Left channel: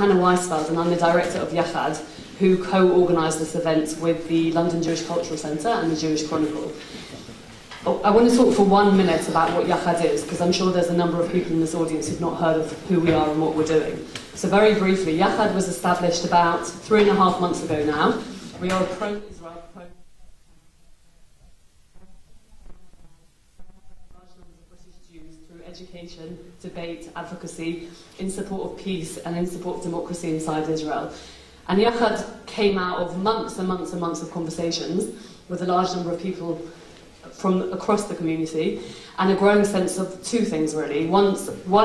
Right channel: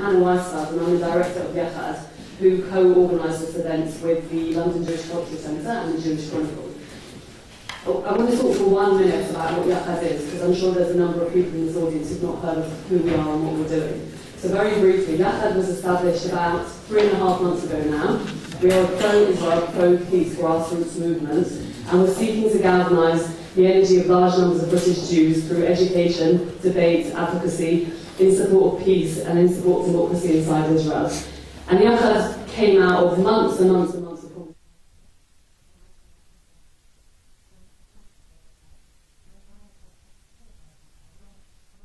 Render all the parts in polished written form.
Hannah Weisfeld, and I'm the director of Yachad, who co-organised this event with the London Jewish Cultural Centre and the Jewish Chronicle. I want to talk for 1 minute about what Yachad is, because I'm sure there's a number of people in this audience who've not heard of who we are and what we're doing. So very briefly, Yachad was established about 3.5 months ago now. We are a pro-Israel, pro-peace grassroots movement, and we're seeking to galvanise the energy of large numbers of British Jews through education, debate, advocacy, in support of peace and in support of democracy inside Israel. And Yachad came out of months and months and months of conversations with a large number of people from across the community, and a growing sense of two things really. One,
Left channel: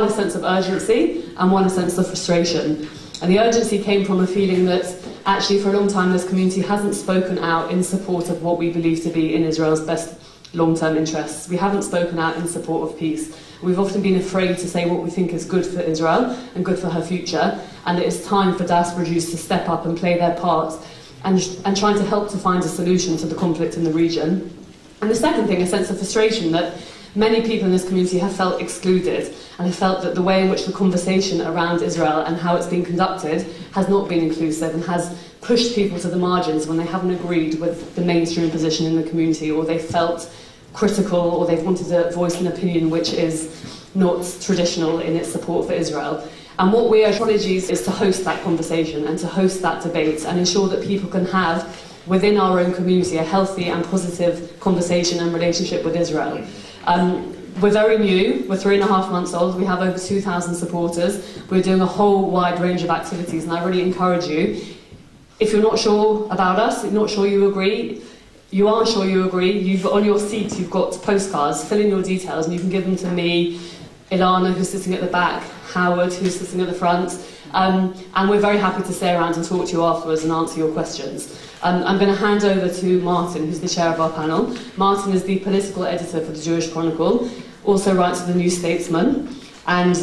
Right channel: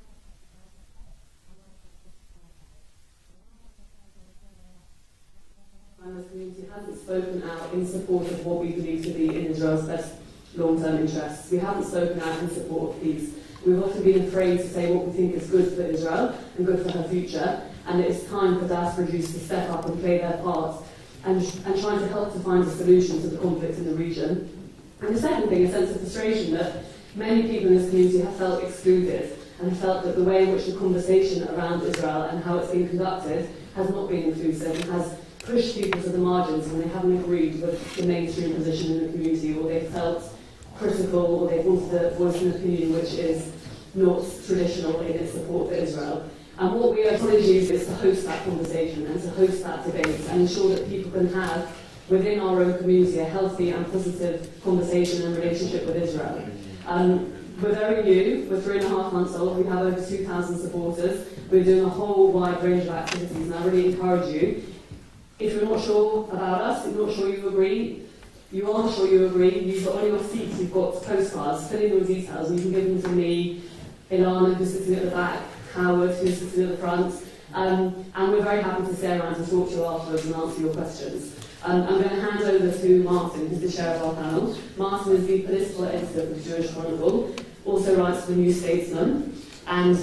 a sense of urgency, and one, a sense of frustration. And the urgency came from a feeling that actually for a long time this community hasn't spoken out in support of what we believe to be in Israel's best long-term interests. We haven't spoken out in support of peace. We've often been afraid to say what we think is good for Israel and good for her future, and it's time for diaspora Jews to step up and play their part and trying to help to find a solution to the conflict in the region. And the second thing, a sense of frustration that many people in this community have felt excluded and have felt that the way in which the conversation around Israel and how it's been conducted has not been inclusive and has pushed people to the margins when they haven't agreed with the mainstream position in the community, or they felt critical, or they've wanted to voice an opinion which is not traditional in its support for Israel. And what we are trying to do is to host that conversation and to host that debate and ensure that people can have within our own community a healthy and positive conversation and relationship with Israel. We're very new, we're 3.5 months old, we have over 2,000 supporters, we're doing a whole wide range of activities, and I really encourage you, if you're not sure about us, if you're not sure you agree, you are sure you agree, on your seat you've got postcards, fill in your details and you can give them to me, Ilana who's sitting at the back, Howard who's sitting at the front, and we're very happy to stay around and talk to you afterwards and answer your questions. I'm going to hand over to Martin, who's the chair of our panel. Martin is the political editor for the Jewish Chronicle, also writes for the New Statesman, and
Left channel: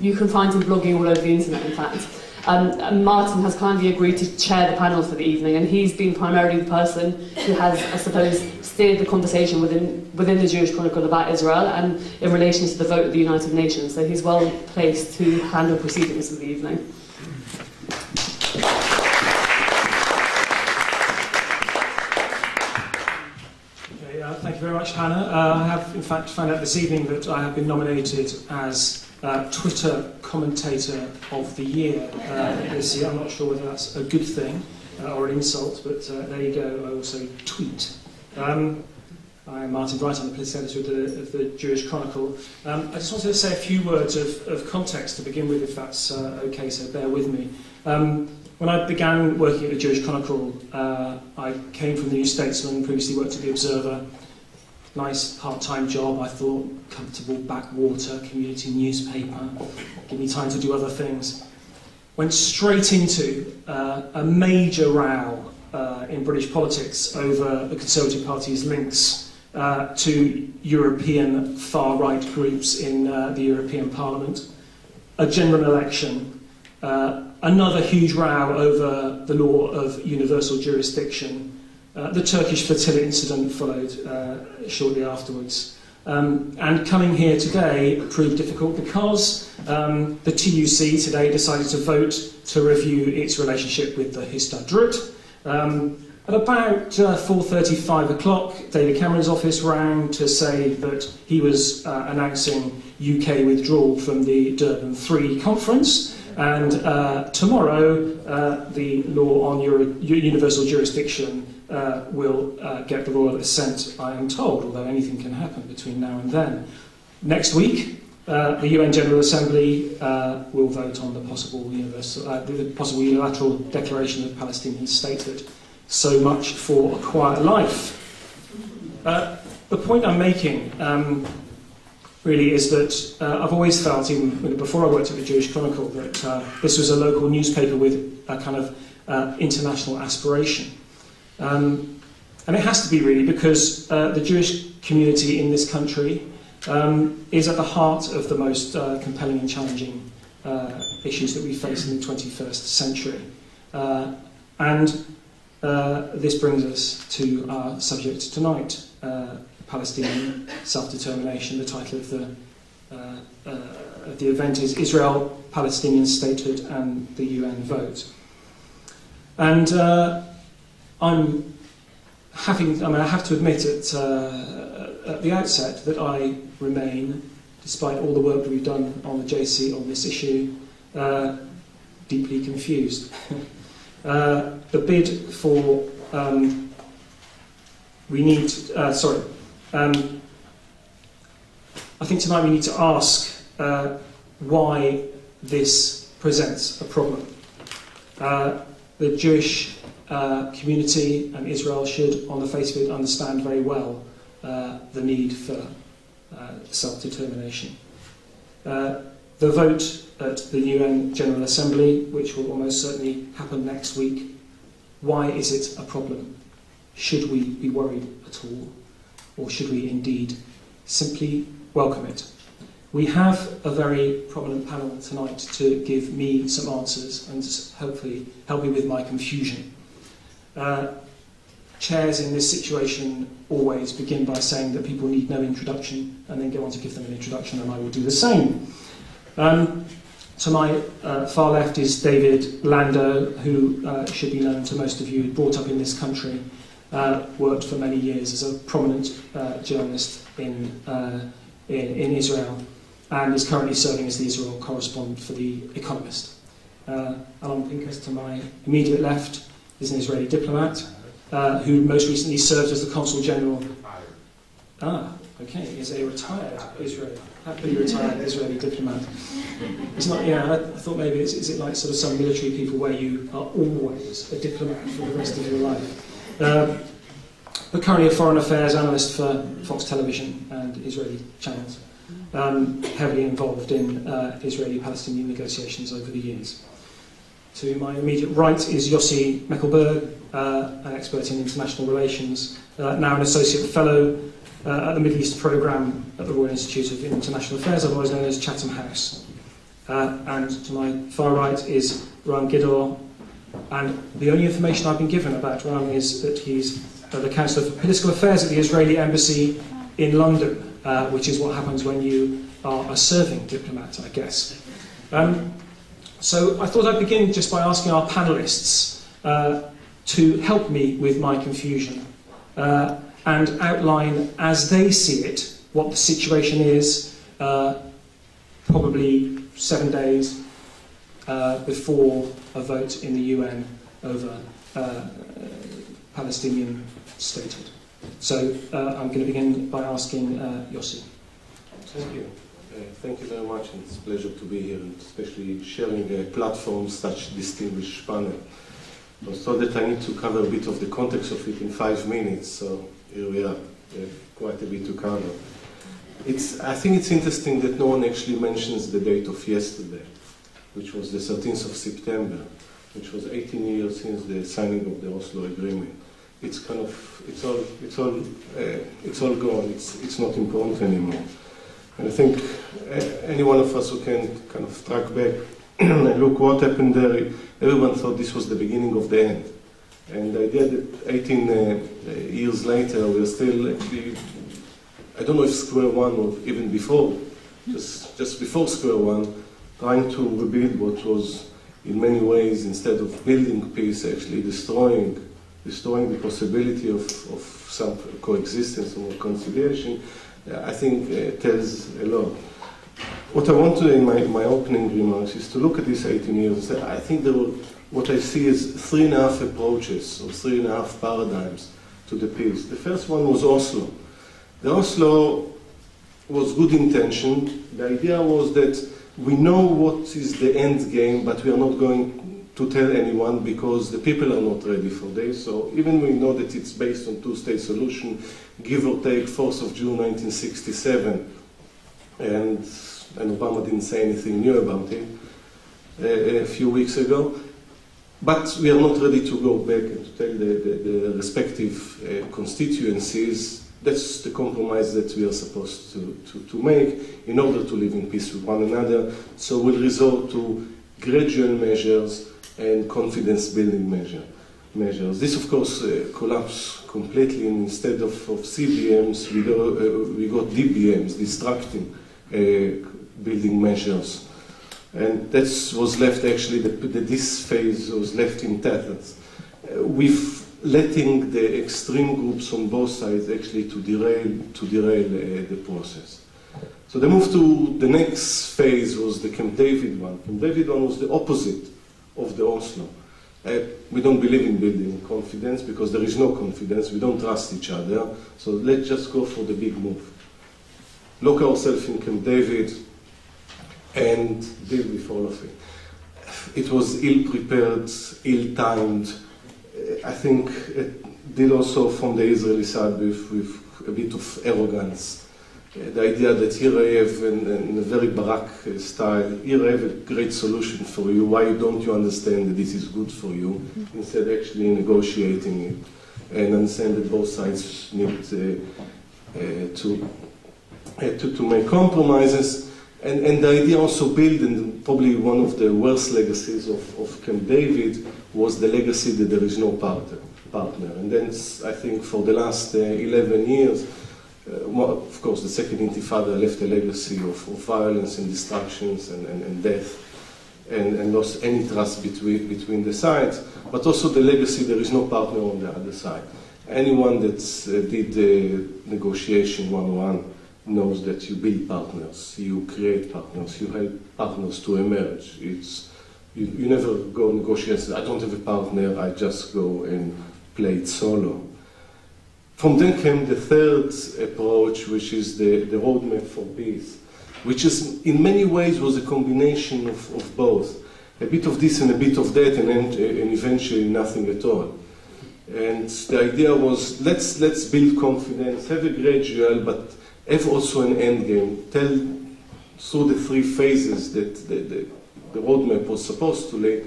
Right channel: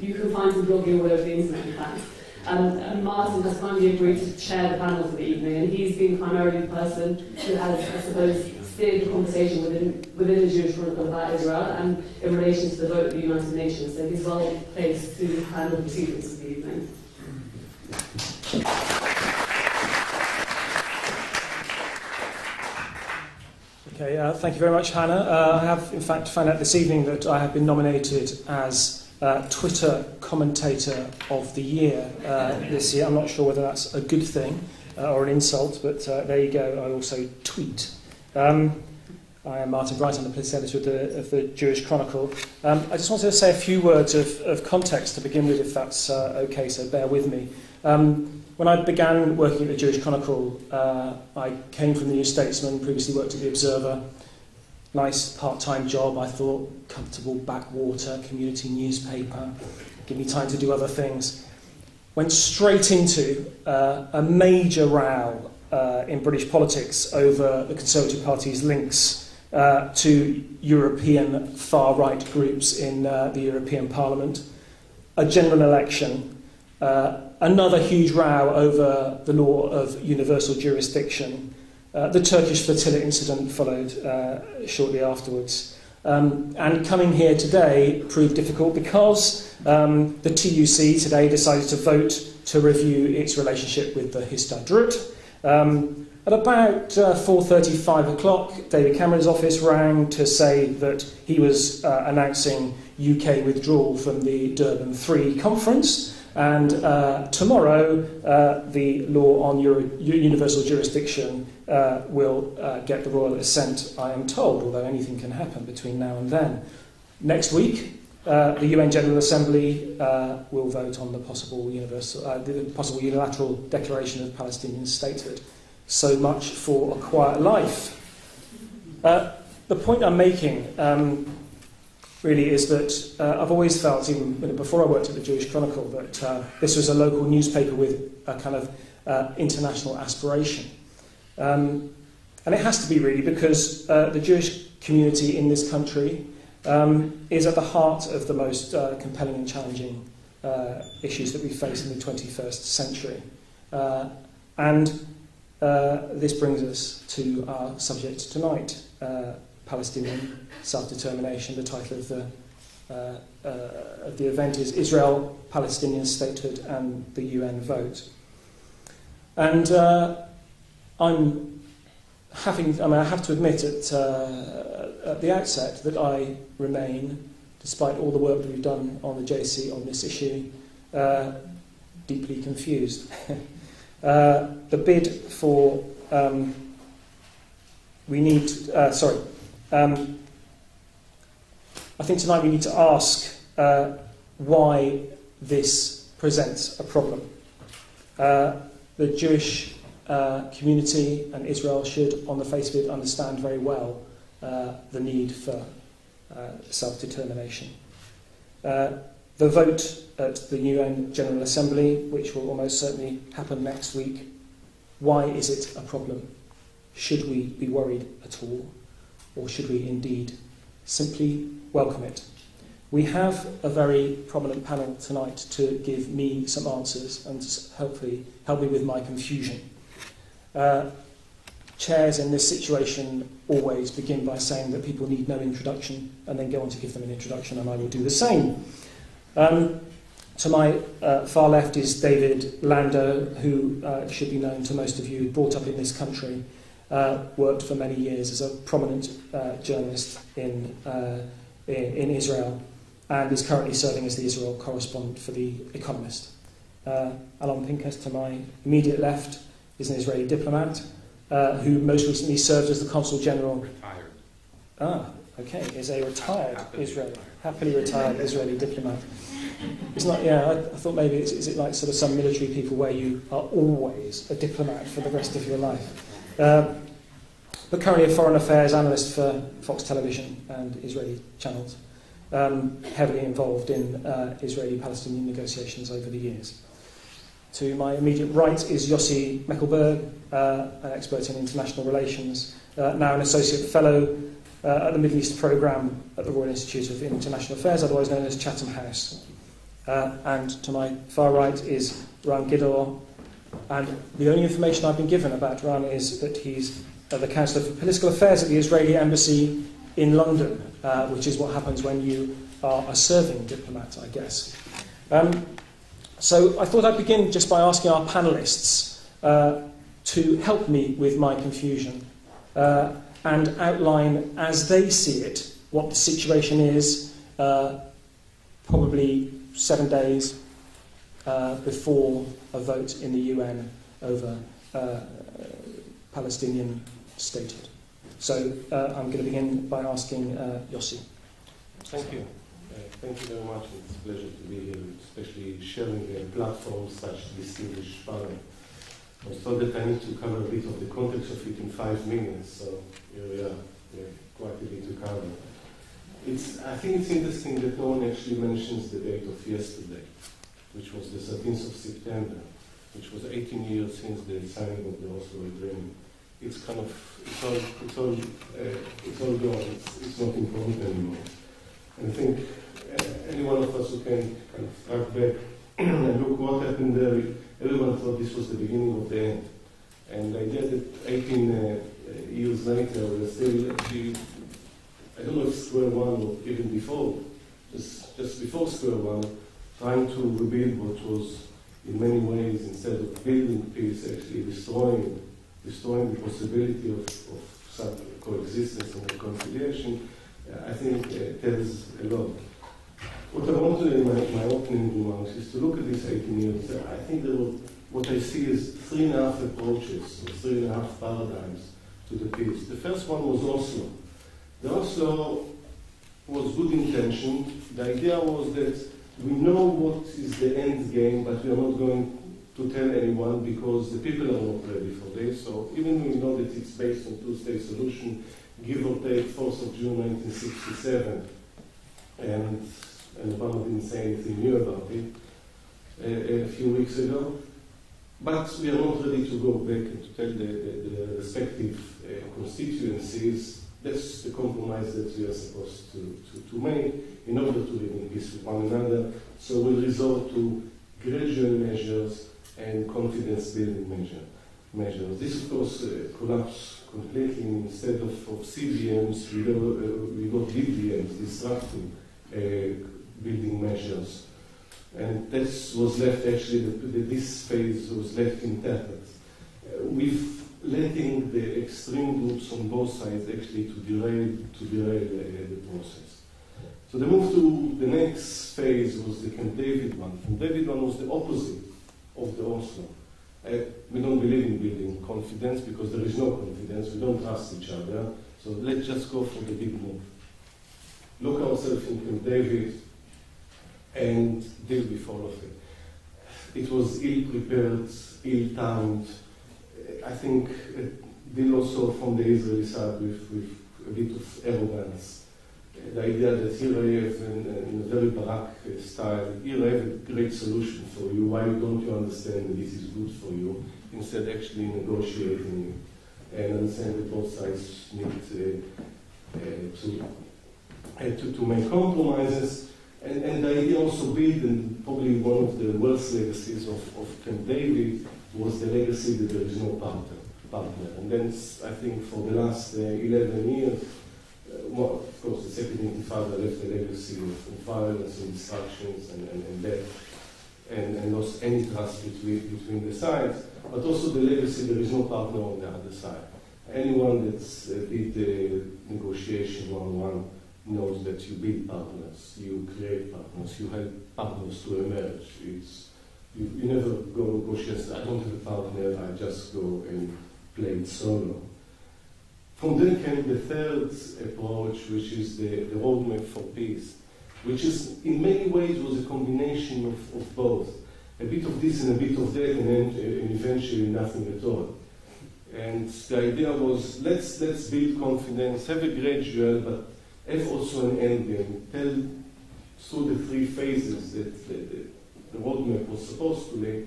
you can find him blogging all over the internet, in fact. Martin has kindly agreed to chair the panel for the evening, and he's been primarily the person who has, I suppose, steered the conversation within the Jewish Chronicle about Israel and in relation to the vote of the United Nations, so he's well placed to handle proceedings for the evening. Okay, thank you very much, Hannah. I have, in fact, found out this evening that I have been nominated as Twitter Commentator of the Year this year. I'm not sure whether that's a good thing or an insult, but there you go. I also tweet. I'm Martin Bright, I'm the political editor of the Jewish Chronicle. I just wanted to say a few words of context to begin with, if that's okay, so bear with me. When I began working at the Jewish Chronicle, I came from the New Statesman, previously worked at the Observer. Nice part-time job, I thought, comfortable backwater, community newspaper, give me time to do other things. Went straight into a major row in British politics over the Conservative Party's links to European far-right groups in the European Parliament, a general election, another huge row over the law of universal jurisdiction. The Turkish flotilla incident followed shortly afterwards. And coming here today proved difficult because the TUC today decided to vote to review its relationship with the Histadrut. At about 4:30, 5 o'clock, David Cameron's office rang to say that he was announcing UK withdrawal from the Durban III conference. And tomorrow, the law on universal jurisdiction will get the royal assent, I am told, although anything can happen between now and then. Next week, the UN General Assembly will vote on the possible unilateral declaration of Palestinian statehood. So much for a quiet life. The point I'm making really is that I've always felt, even before I worked at the Jewish Chronicle, that this was a local newspaper with a kind of international aspiration. And it has to be really because the Jewish community in this country is at the heart of the most compelling and challenging issues that we face in the 21st century. This brings us to our subject tonight, Palestinian self-determination, the title of the of the event is Israel, Palestinian statehood, and the UN vote. And I have to admit at the outset that I remain, despite all the work that we've done on the JC on this issue, deeply confused. The bid for I think tonight we need to ask why this presents a problem. The Jewish community and Israel should, on the face of it, understand very well the need for self-determination. The vote at the UN General Assembly, which will almost certainly happen next week, why is it a problem? Should we be worried at all? Or should we indeed simply welcome it? We have a very prominent panel tonight to give me some answers and hopefully help me with my confusion. Chairs in this situation always begin by saying that people need no introduction and then go on to give them an introduction, and I will do the same. To my far left is David Landau, who should be known to most of you, brought up in this country, worked for many years as a prominent journalist in Israel, and is currently serving as the Israel correspondent for the Economist. Alon Pinkas, to my immediate left, is an Israeli diplomat who most recently served as the Consul General. Okay, is a retired happily retired Israeli diplomat. It's not, I thought maybe is it like sort of some military people where you are always a diplomat for the rest of your life. But currently a foreign affairs analyst for Fox Television and Israeli channels, heavily involved in Israeli-Palestinian negotiations over the years. To my immediate right is Yossi Mekelberg, an expert in international relations, now an associate fellow at the Middle East Programme at the Royal Institute of International Affairs, otherwise known as Chatham House. And to my far right is Gidor, and the only information I've been given about Ran is that he's the Councillor for Political Affairs at the Israeli Embassy in London, which is what happens when you are a serving diplomat, I guess. So I thought I'd begin just by asking our panellists to help me with my confusion and outline, as they see it, what the situation is, probably 7 days before a vote in the UN over Palestinian statehood. So I'm going to begin by asking Yossi. Thank you. Thank you very much, and it's a pleasure to be here, and especially sharing a platform such distinguished panel. I thought that I need to cover a bit of the context of it in 5 minutes, so here we are, quite a bit to cover. I think it's interesting that no one actually mentions the date of yesterday, which was the 13th of September, which was 18 years since the signing of the Oslo Agreement. It's kind of, it's all gone, it's not important anymore. And I think any one of us who can kind of track back and look what happened there, everyone thought this was the beginning of the end. And the idea that 18 years later we're still actually, I don't know if square one or even before, just before square one, trying to rebuild what was in many ways, instead of building peace, actually destroying the possibility of some coexistence and reconciliation, I think tells a lot. What I want to, in my opening remarks, is to look at these 18 years. I think what I see is 3.5 approaches, or 3.5 paradigms to the peace. The first one was Oslo. The Oslo was good intention. The idea was that we know what is the end game, but we are not going to tell anyone because the people are not ready for this. So even we know that it's based on two-state solution, give or take 4th of June 1967, and Obama didn't say anything new about it a few weeks ago. But we are not ready to go back and to tell the respective constituencies. That's the compromise that we are supposed to make in order to live in peace with one another. So we'll resort to gradual measures and confidence-building measures. This, of course, collapsed completely. Instead of CBMs, we got DBMs, distracting building measures. And that was left, actually, this phase was left in tatters, with letting the extreme groups on both sides actually to derail the process. So the move to the next phase was the Camp David one. Camp David one was the opposite of the Oslo. We don't believe in building confidence because there is no confidence. We don't trust each other. So let's just go for the big move. Lock ourselves in Camp David and deal with all of it. It was ill-prepared, ill-timed. I think it did also from the Israeli side with a bit of arrogance. The idea that here I have, in a very Barak style, here I have a great solution for you. Why don't you understand that this is good for you? Instead, actually negotiating it and understand that both sides need to make compromises. And the idea also built, and probably one of the worst legacies of Camp David was the legacy that there is no partner. And then I think for the last 11 years, well, of course, the Second Intifada left a legacy of violence and destructions and death, and lost any trust between the sides, but also the legacy there is no partner on the other side. Anyone that did the negotiation 1-1 knows that you build partners, you create partners, you help partners to emerge. You never go negotiate and say, I don't have a partner, I just go and play it solo. From then came the third approach, which is the roadmap for peace, which is in many ways was a combination of both. A bit of this and a bit of that, and eventually nothing at all. And the idea was, let's build confidence, have a gradual, but have also an end game. Tell through the three phases that the roadmap was supposed to lay,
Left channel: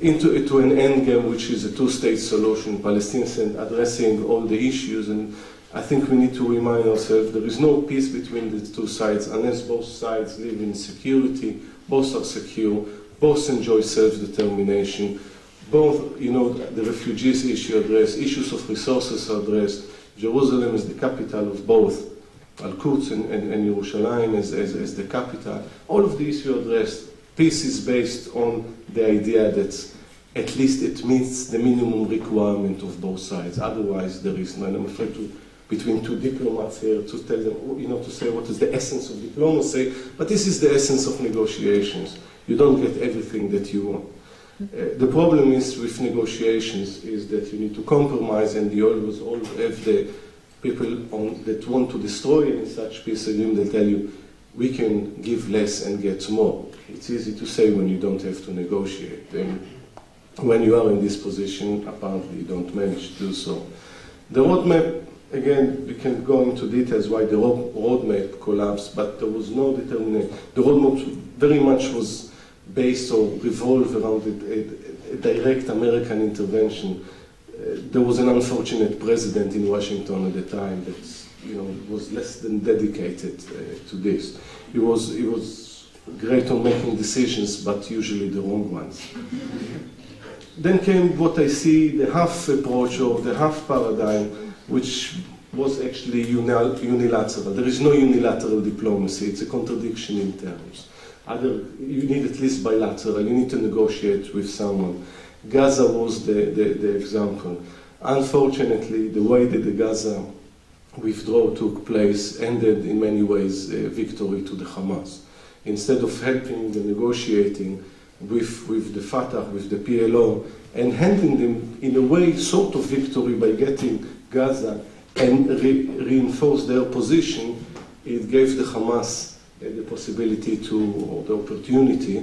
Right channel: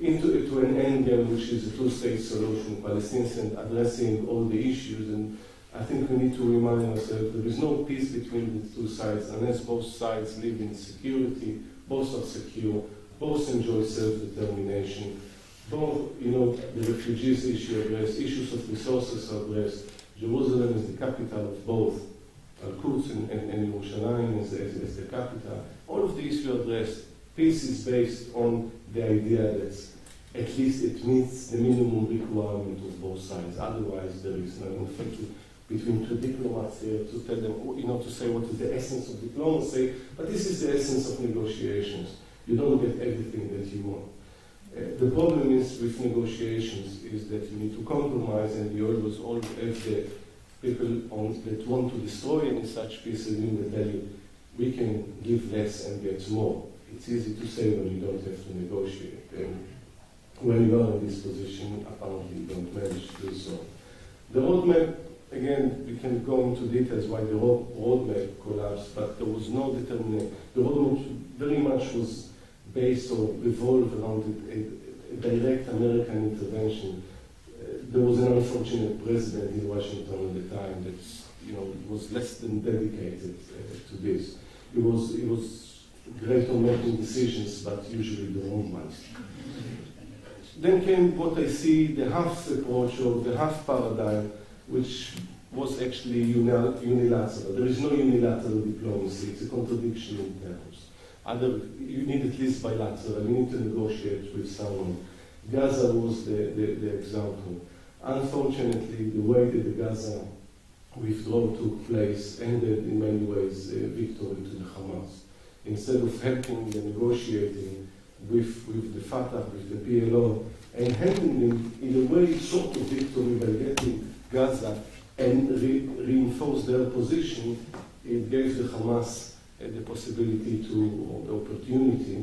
into an end game, which is a two-state solution, Palestinians addressing all the issues. And I think we need to remind ourselves there is no peace between the two sides unless both sides live in security, both are secure, both enjoy self-determination, both, the refugees issue addressed, issues of resources are addressed. Jerusalem is the capital of both, Al-Quds and Yerushalayim as the capital. All of the issues addressed. Peace is based on the idea that at least it meets the minimum requirement of both sides. Otherwise, there is none. I'm afraid between two diplomats here to tell them, to say what is the essence of diplomacy. But this is the essence of negotiations. You don't get everything that you want. The problem is with negotiations is that you need to compromise, and you always have the people that want to destroy any such peace agreement. They tell you, we can give less and get more. It's easy to say when you don't have to negotiate. And when you are in this position, apparently you don't manage to do so. The roadmap, again, we can go into details why the roadmap collapsed, but there was no determination. The roadmap very much was based or revolved around a direct American intervention. There was an unfortunate president in Washington at the time that was less than dedicated to this. It was great on making decisions, but usually the wrong ones. Then came what I see, the half approach or the half paradigm, which was actually unilateral. There is no unilateral diplomacy. It's a contradiction in terms. You need at least bilateral. You need to negotiate with someone. Gaza was the example. Unfortunately, the way that the Gaza withdrawal took place ended in many ways victory to the Hamas. Instead of helping and negotiating with the Fatah, with the PLO, and handing them in a way sort of victory by getting Gaza and reinforce their position, it gave the Hamas the possibility or the opportunity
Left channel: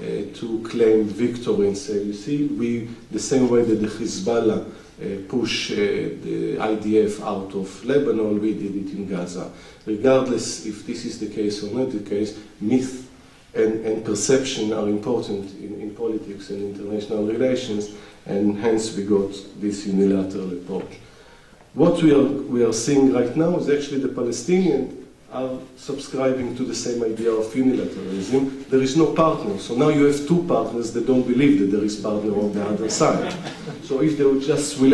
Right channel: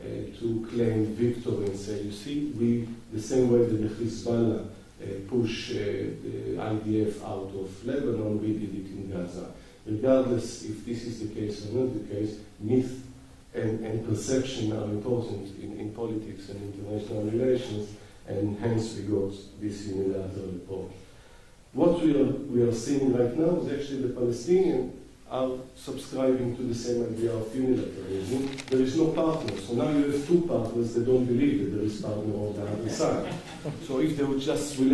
to claim victory and say, you see, the same way that the Hezbollah push the IDF out of Lebanon, we did it in Gaza. Regardless if this is the case or not the case, myth and perception are important in politics and international relations, and hence we got this unilateral approach. What we are seeing right now is actually the Palestinians are subscribing to the same idea of unilateralism. There is no partner, so now you have two partners that don't believe that there is partner on the other side. So if they will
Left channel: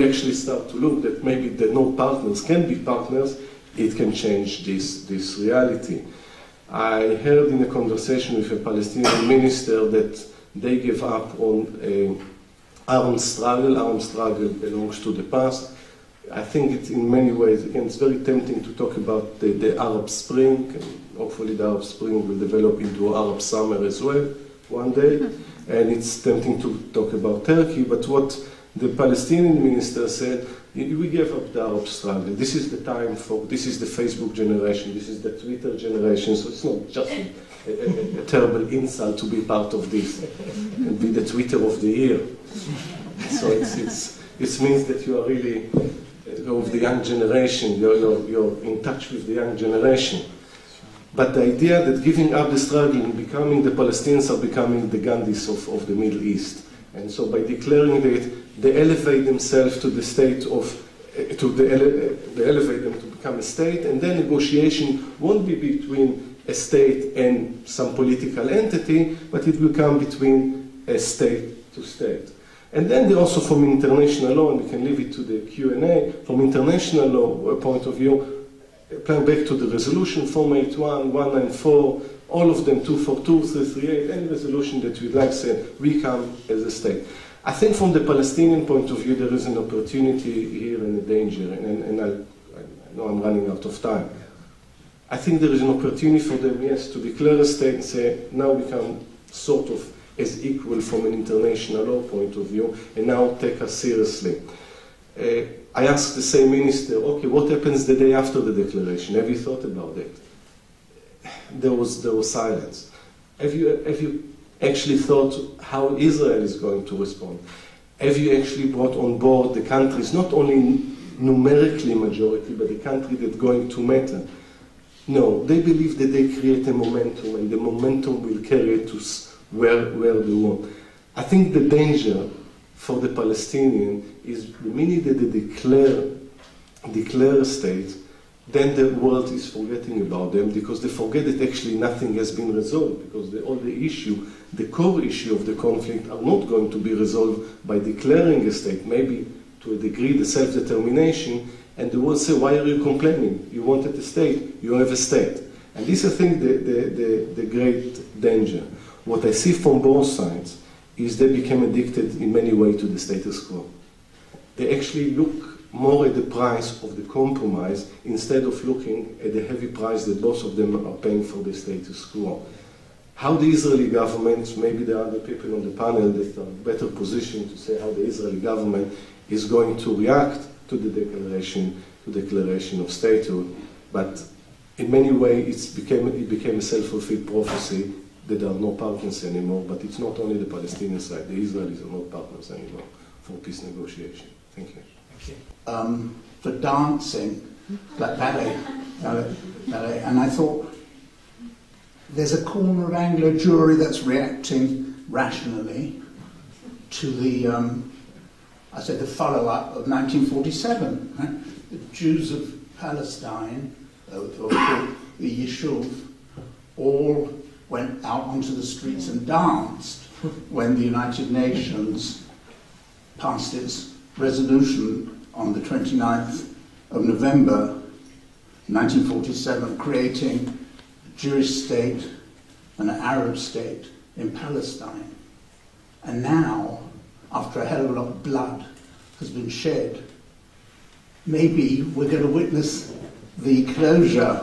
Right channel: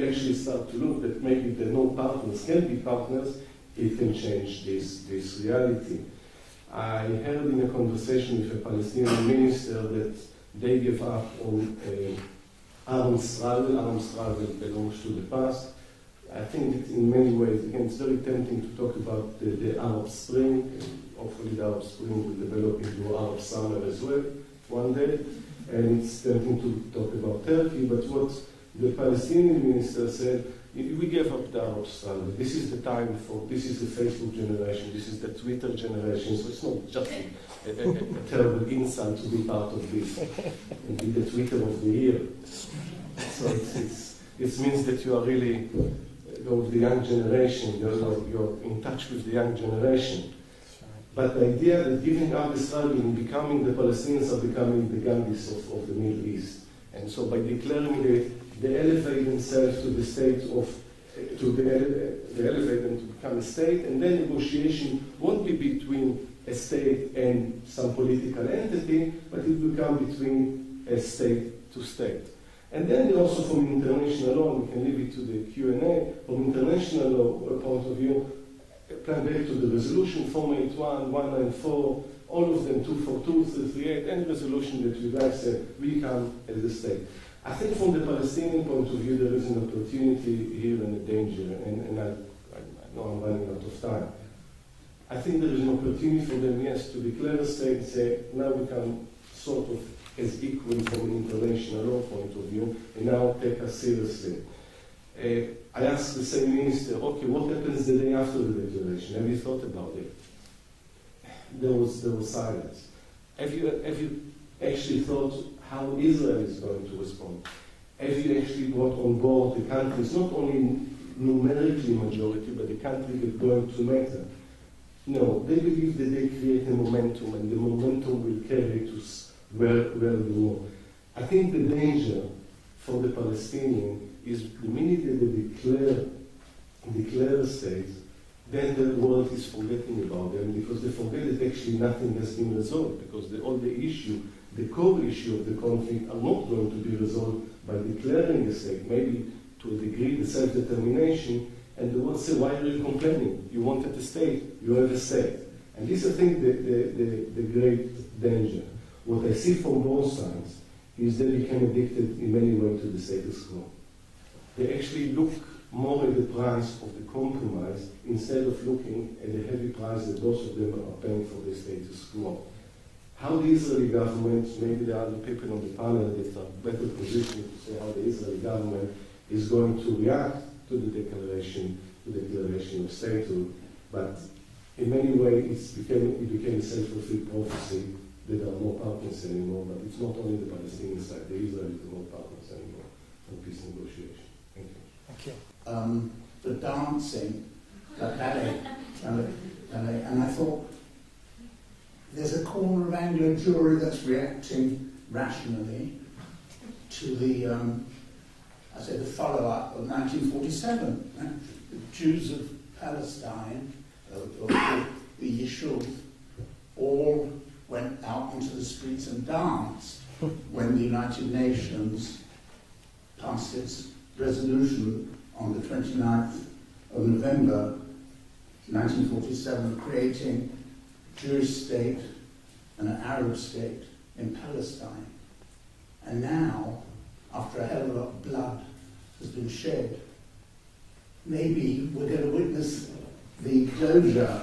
actually start to look that maybe the no partners can be partners, it can change this reality. I heard in a conversation with a Palestinian minister that they gave up on armed struggle. Armed struggle belongs to the past. I think it's in many ways, again, it's very tempting to talk about the Arab Spring. Hopefully the Arab Spring will develop into Arab summer as well one day. And it's tempting to talk about Turkey, but what the Palestinian minister said, we gave up the Arab struggle. This is the time for, this is the Facebook generation, this is the Twitter generation, so it's not just a terrible insult to be part of this and be the Twitter of the year. So it means that you are really of the young generation, you're in touch with the young generation. But the idea that giving up the struggle and becoming the Palestinians are becoming the Gandhis of the Middle East. And so by declaring that they elevate themselves to the state of, they elevate them to become a state, and then negotiation won't be between a state and some political entity, but it will come between a state to state. And then also from international law, and we can leave it to the Q&A, from international law point of view, applying back to the resolution 481, 194, all of them 242, 338, any resolution that we'd like to say, we come as a state. I think from the Palestinian point of view, there is an opportunity here and a danger, and I know I'm running out of time. I think there is an opportunity for them, yes, to declare a state and say, now we come sort of as equal from an international law point of view, and now take us seriously. I asked the same minister, okay, what happens the day after the declaration? Have you thought about it? There was silence. Have you actually thought how Israel is going to respond? Have you actually brought on board the countries, not only numerically majority, but the country that's going to matter? No, they believe that they create a momentum, and the momentum will carry it to where they want. I think the danger for the Palestinian is the minute that they declare a state, then the world is forgetting about them, because they forget that actually nothing has been resolved, because all the issue, the core issue of the conflict are not going to be resolved by declaring a state, maybe to a degree the self-determination, and the world say, why are you complaining? You wanted a state, you have a state. And this is, I think, the great danger. What I see from both sides is they became addicted in many ways to the status quo. They actually look more at the price of the compromise instead of looking at the heavy price that both of them are paying for the status quo. How the Israeli government, maybe there are other people on the panel that are better positioned to say how the Israeli government is going to react to the declaration of statehood, but in many ways it became a self-fulfilled prophecy that there are no partners anymore, but it's not only the Palestinian side, the Israelis are not partners anymore for peace negotiation. Thank you. Thank you. For dancing, ballet, and I thought, there's a corner of Anglo Jewry that's reacting rationally to the, the follow-up of 1947. Right? The Jews of Palestine, or the Yishuv, all went out onto the streets and danced when the United Nations passed its resolution on the 29th of November 1947, creating a Jewish state and an Arab state in Palestine. And now, after a hell of a lot of blood has been shed, maybe we're going to witness the closure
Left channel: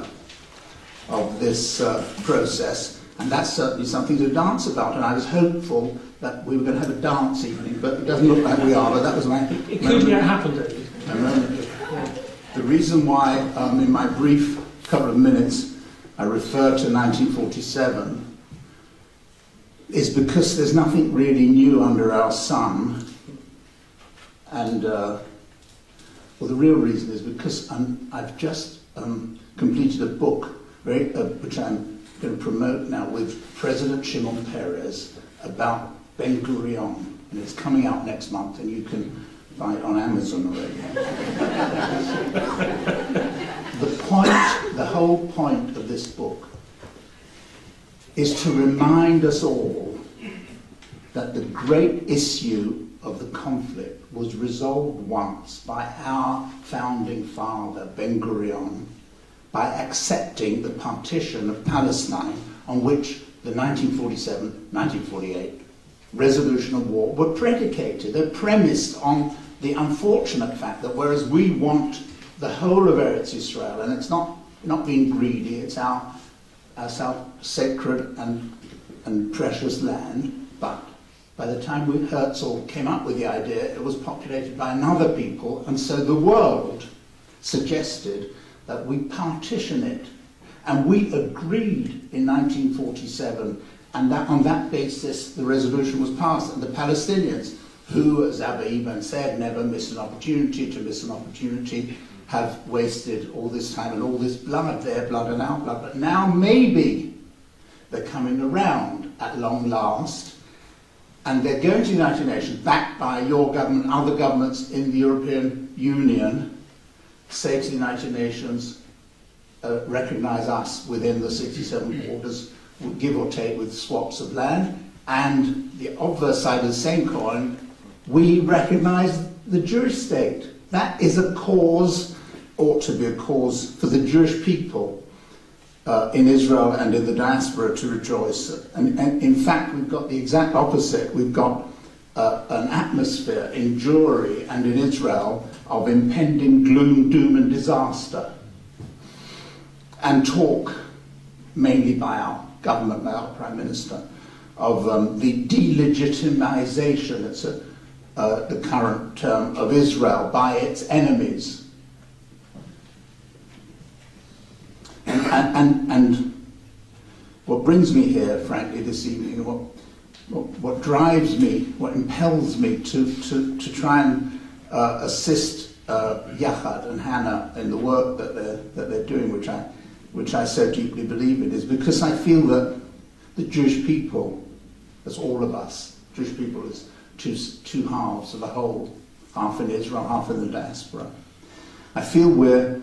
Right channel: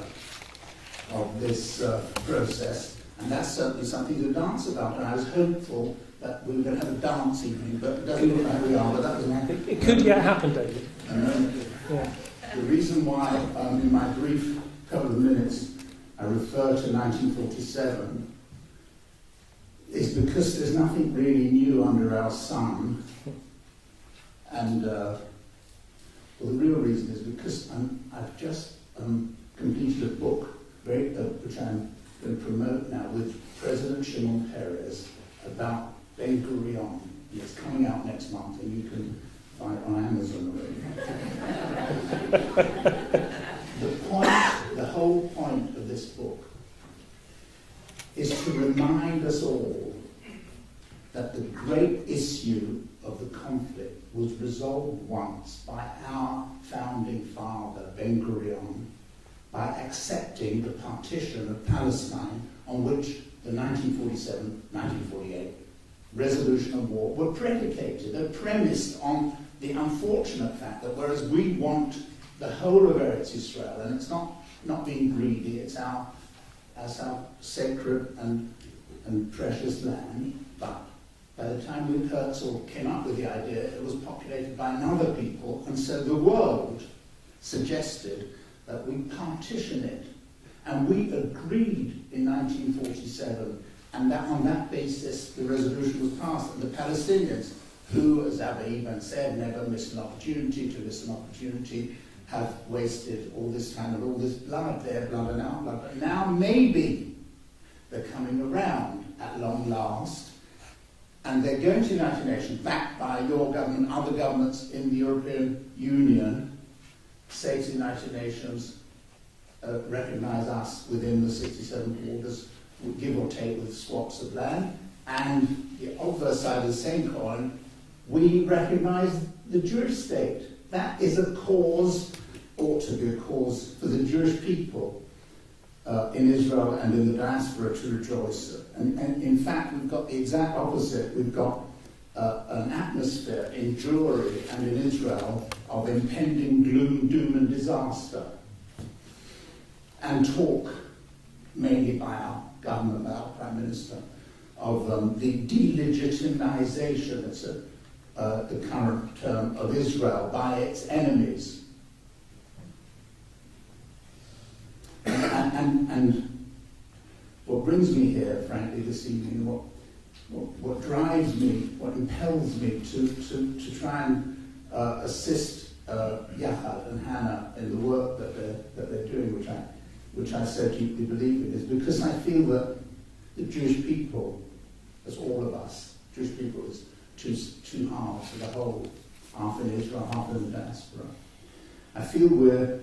of this process. And that's certainly something to dance about, and I was hopeful that we were going to have a dance evening, but it doesn't look like we are, but that was my... It could yet happen, David. The reason why, in my brief couple of minutes, I refer to 1947 is because there's nothing really new under our sun, and the real reason is because I've just completed a book, which I'm going to promote now with President Shimon Peres about Ben Gurion, and it's coming out next month, and you can buy it on Amazon already. The whole point of this book is to remind us all that the great issue of the conflict was resolved once by our founding father, Ben Gurion, by accepting the partition of Palestine, on which the 1947-1948 resolution of war were predicated. They're premised on the unfortunate fact that whereas we want the whole of Eretz Israel, and it's not being greedy, it's our sacred and precious land, but by the time Herzl came up with the idea, it was populated by another people, and so the world suggested that we partition it. And we agreed in 1947, and that on that basis the resolution was passed. And the Palestinians, who, as Abba Eban said, never miss an opportunity to miss an opportunity, have wasted all this time and all this blood, their blood and our blood. But now maybe they're coming around at long last, and they're going to the United Nations, backed by your government, other governments in the European Union, say to the United Nations, recognise us within the 67 borders, give or take with swaps of land, and the obverse side of the same coin, we recognise the Jewish state. That is a cause, ought to be a cause for the Jewish people in Israel and in the diaspora to rejoice. And in fact, we've got the exact opposite. We've got an atmosphere in Jewry and in Israel of impending gloom, doom and disaster. And talk, mainly by our government, by our Prime Minister, of the delegitimization, it's the current term, of Israel by its enemies. And what brings me here, frankly, this evening, what drives me, what impels me to try and assist Yachad and Hannah in the work that they're doing, which I so deeply believe in, is because I feel that the Jewish people, as all of us, Jewish people is two halves of a whole, half in Israel, half in the diaspora. I feel we're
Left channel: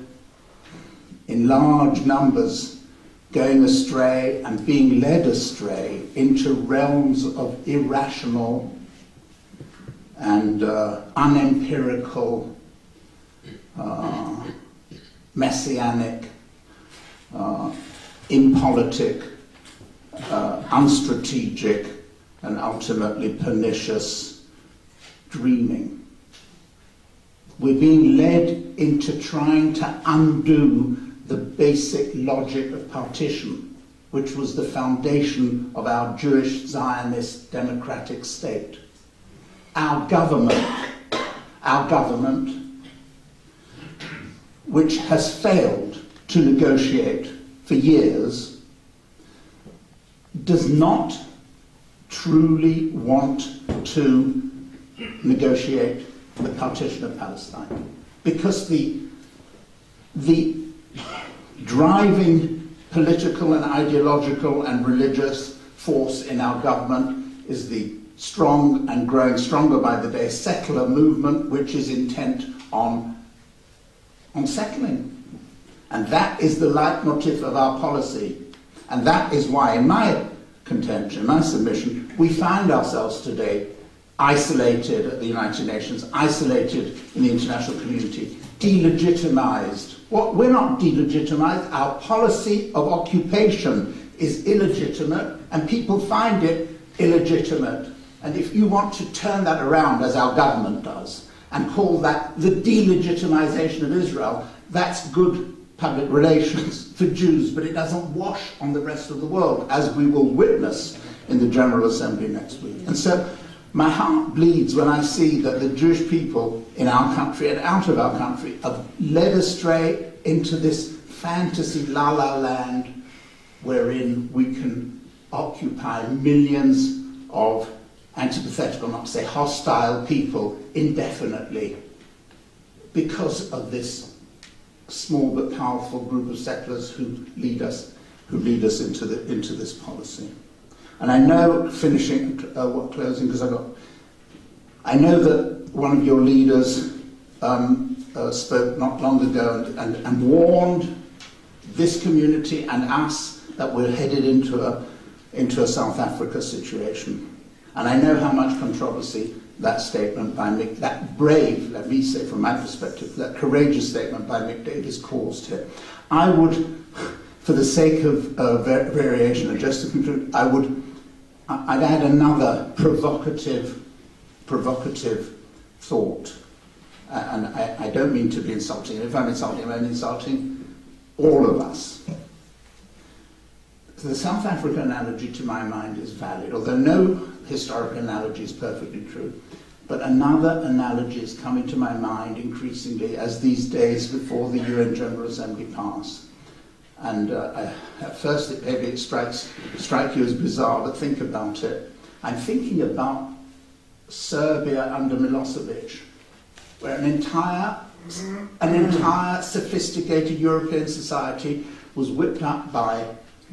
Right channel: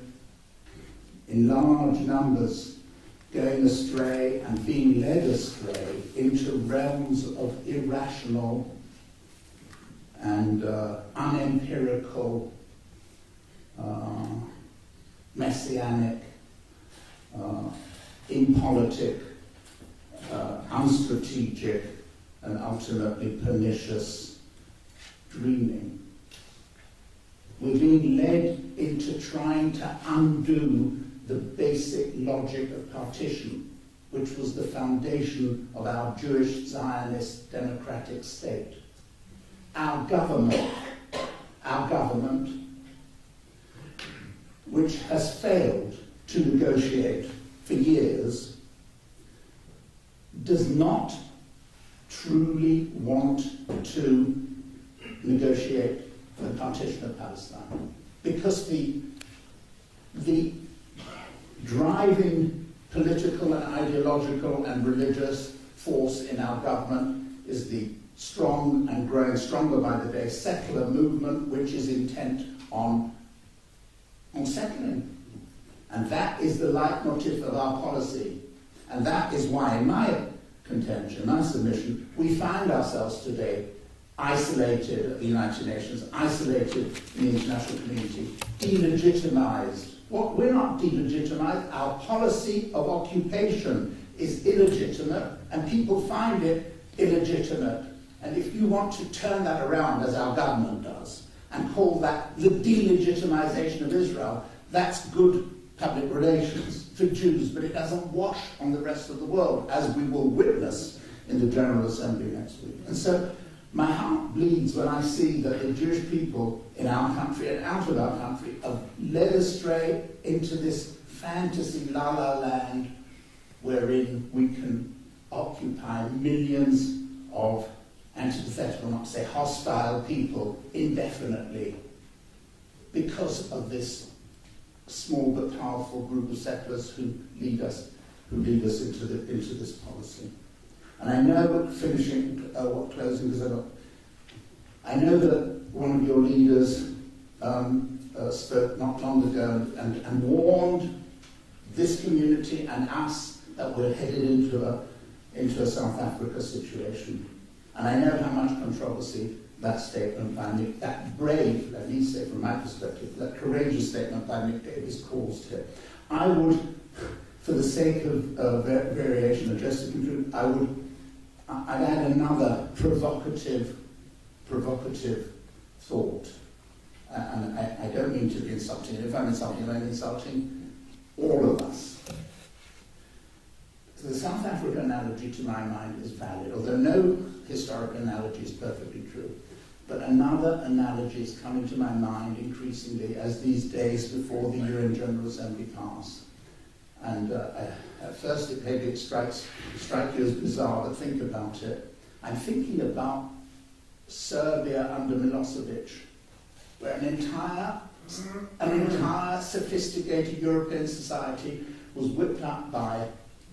in large numbers going astray and being led astray into realms of irrational and unempirical, messianic, impolitic, unstrategic, and ultimately pernicious dreaming. We're being led into trying to undo the basic logic of partition, which was the foundation of our Jewish Zionist democratic state. Our government, which has failed to negotiate for years, does not truly want to negotiate the partition of Palestine, because the driving political and ideological and religious force in our government is the strong and growing stronger by the day secular movement, which is intent on settling. And that is the leitmotif of our policy. And that is why, in my contention, my submission, we find ourselves today isolated at the United Nations, isolated in the international community, delegitimized. Well, we're not delegitimized. Our policy of occupation is illegitimate, and people find it illegitimate. And if you want to turn that around, as our government does, and call that the delegitimization of Israel, that's good public relations for Jews, but it doesn't wash on the rest of the world, as we will witness in the General Assembly next week. And so my heart bleeds when I see that the Jewish people in our country and out of our country are led astray into this fantasy la-la land wherein we can occupy millions of antithetical, not to say hostile people indefinitely because of this small but powerful group of settlers who lead us into this policy. And I know, closing, because I know that one of your leaders spoke not long ago and warned this community and us that we're headed into a South Africa situation. And I know how much controversy that statement by Mick, that brave, let me say from my perspective, that courageous statement by Mick Davies caused it. I would, for the sake of variation, and just to conclude, I'd add another provocative thought. And I don't mean to be insulting. If I'm insulting, I'm insulting all of us. So the South African analogy, to my mind, is valid, although no historical analogy is perfectly true. But another analogy is coming to my mind increasingly as these days before the UN General Assembly pass. And at first, maybe it strike you as bizarre, but think about it. I'm thinking about Serbia under Milosevic, where an entire sophisticated European society was whipped up by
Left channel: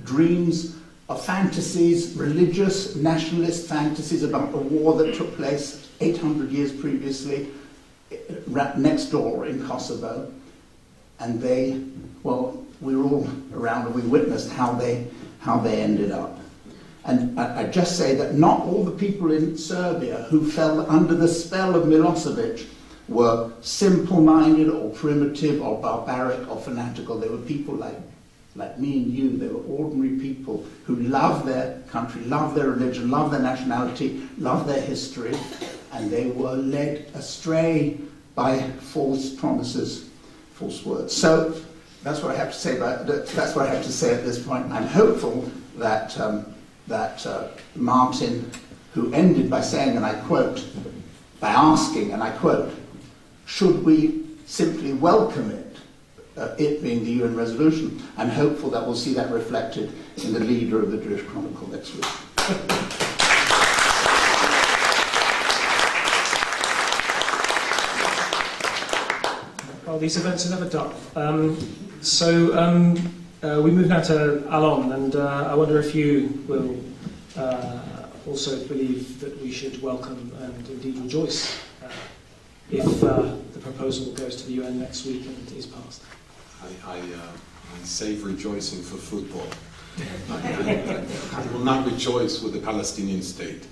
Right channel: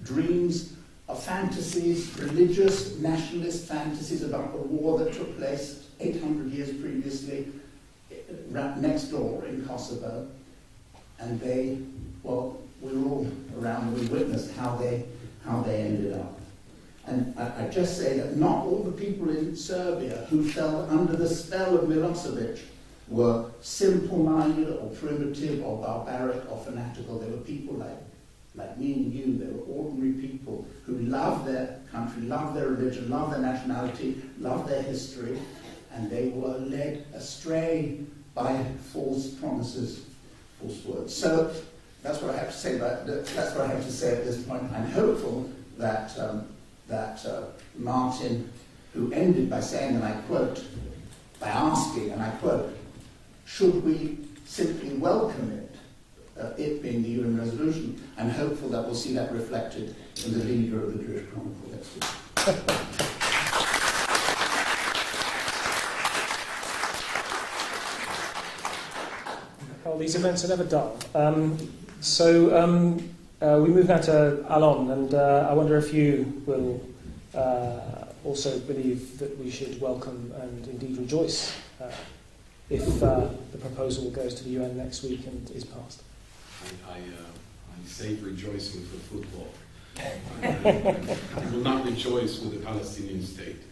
dreams of fantasies, religious, nationalist fantasies about a war that took place 800 years previously next door in Kosovo. And they, well, we were all around and we witnessed how they ended up. And I just say that not all the people in Serbia who fell under the spell of Milosevic were simple-minded or primitive or barbaric or fanatical. They were people like me and you. They were ordinary people who loved their country, loved their religion, loved their nationality, loved their history, and they were led astray by false promises, false words. So that's what I have to say that's what I have to say at this point. I'm hopeful that Martin, who ended by saying, and I quote, by asking, and I quote, should we simply welcome it being the UN resolution, I'm hopeful that we'll see that reflected in the leader of the Jewish Chronicle next week. Well, these events are never dull. We move now to Alon, and I wonder if you will also believe that we should welcome and indeed rejoice if the proposal goes to the UN next week and is passed. I save rejoicing for football. I will not rejoice with the Palestinian state.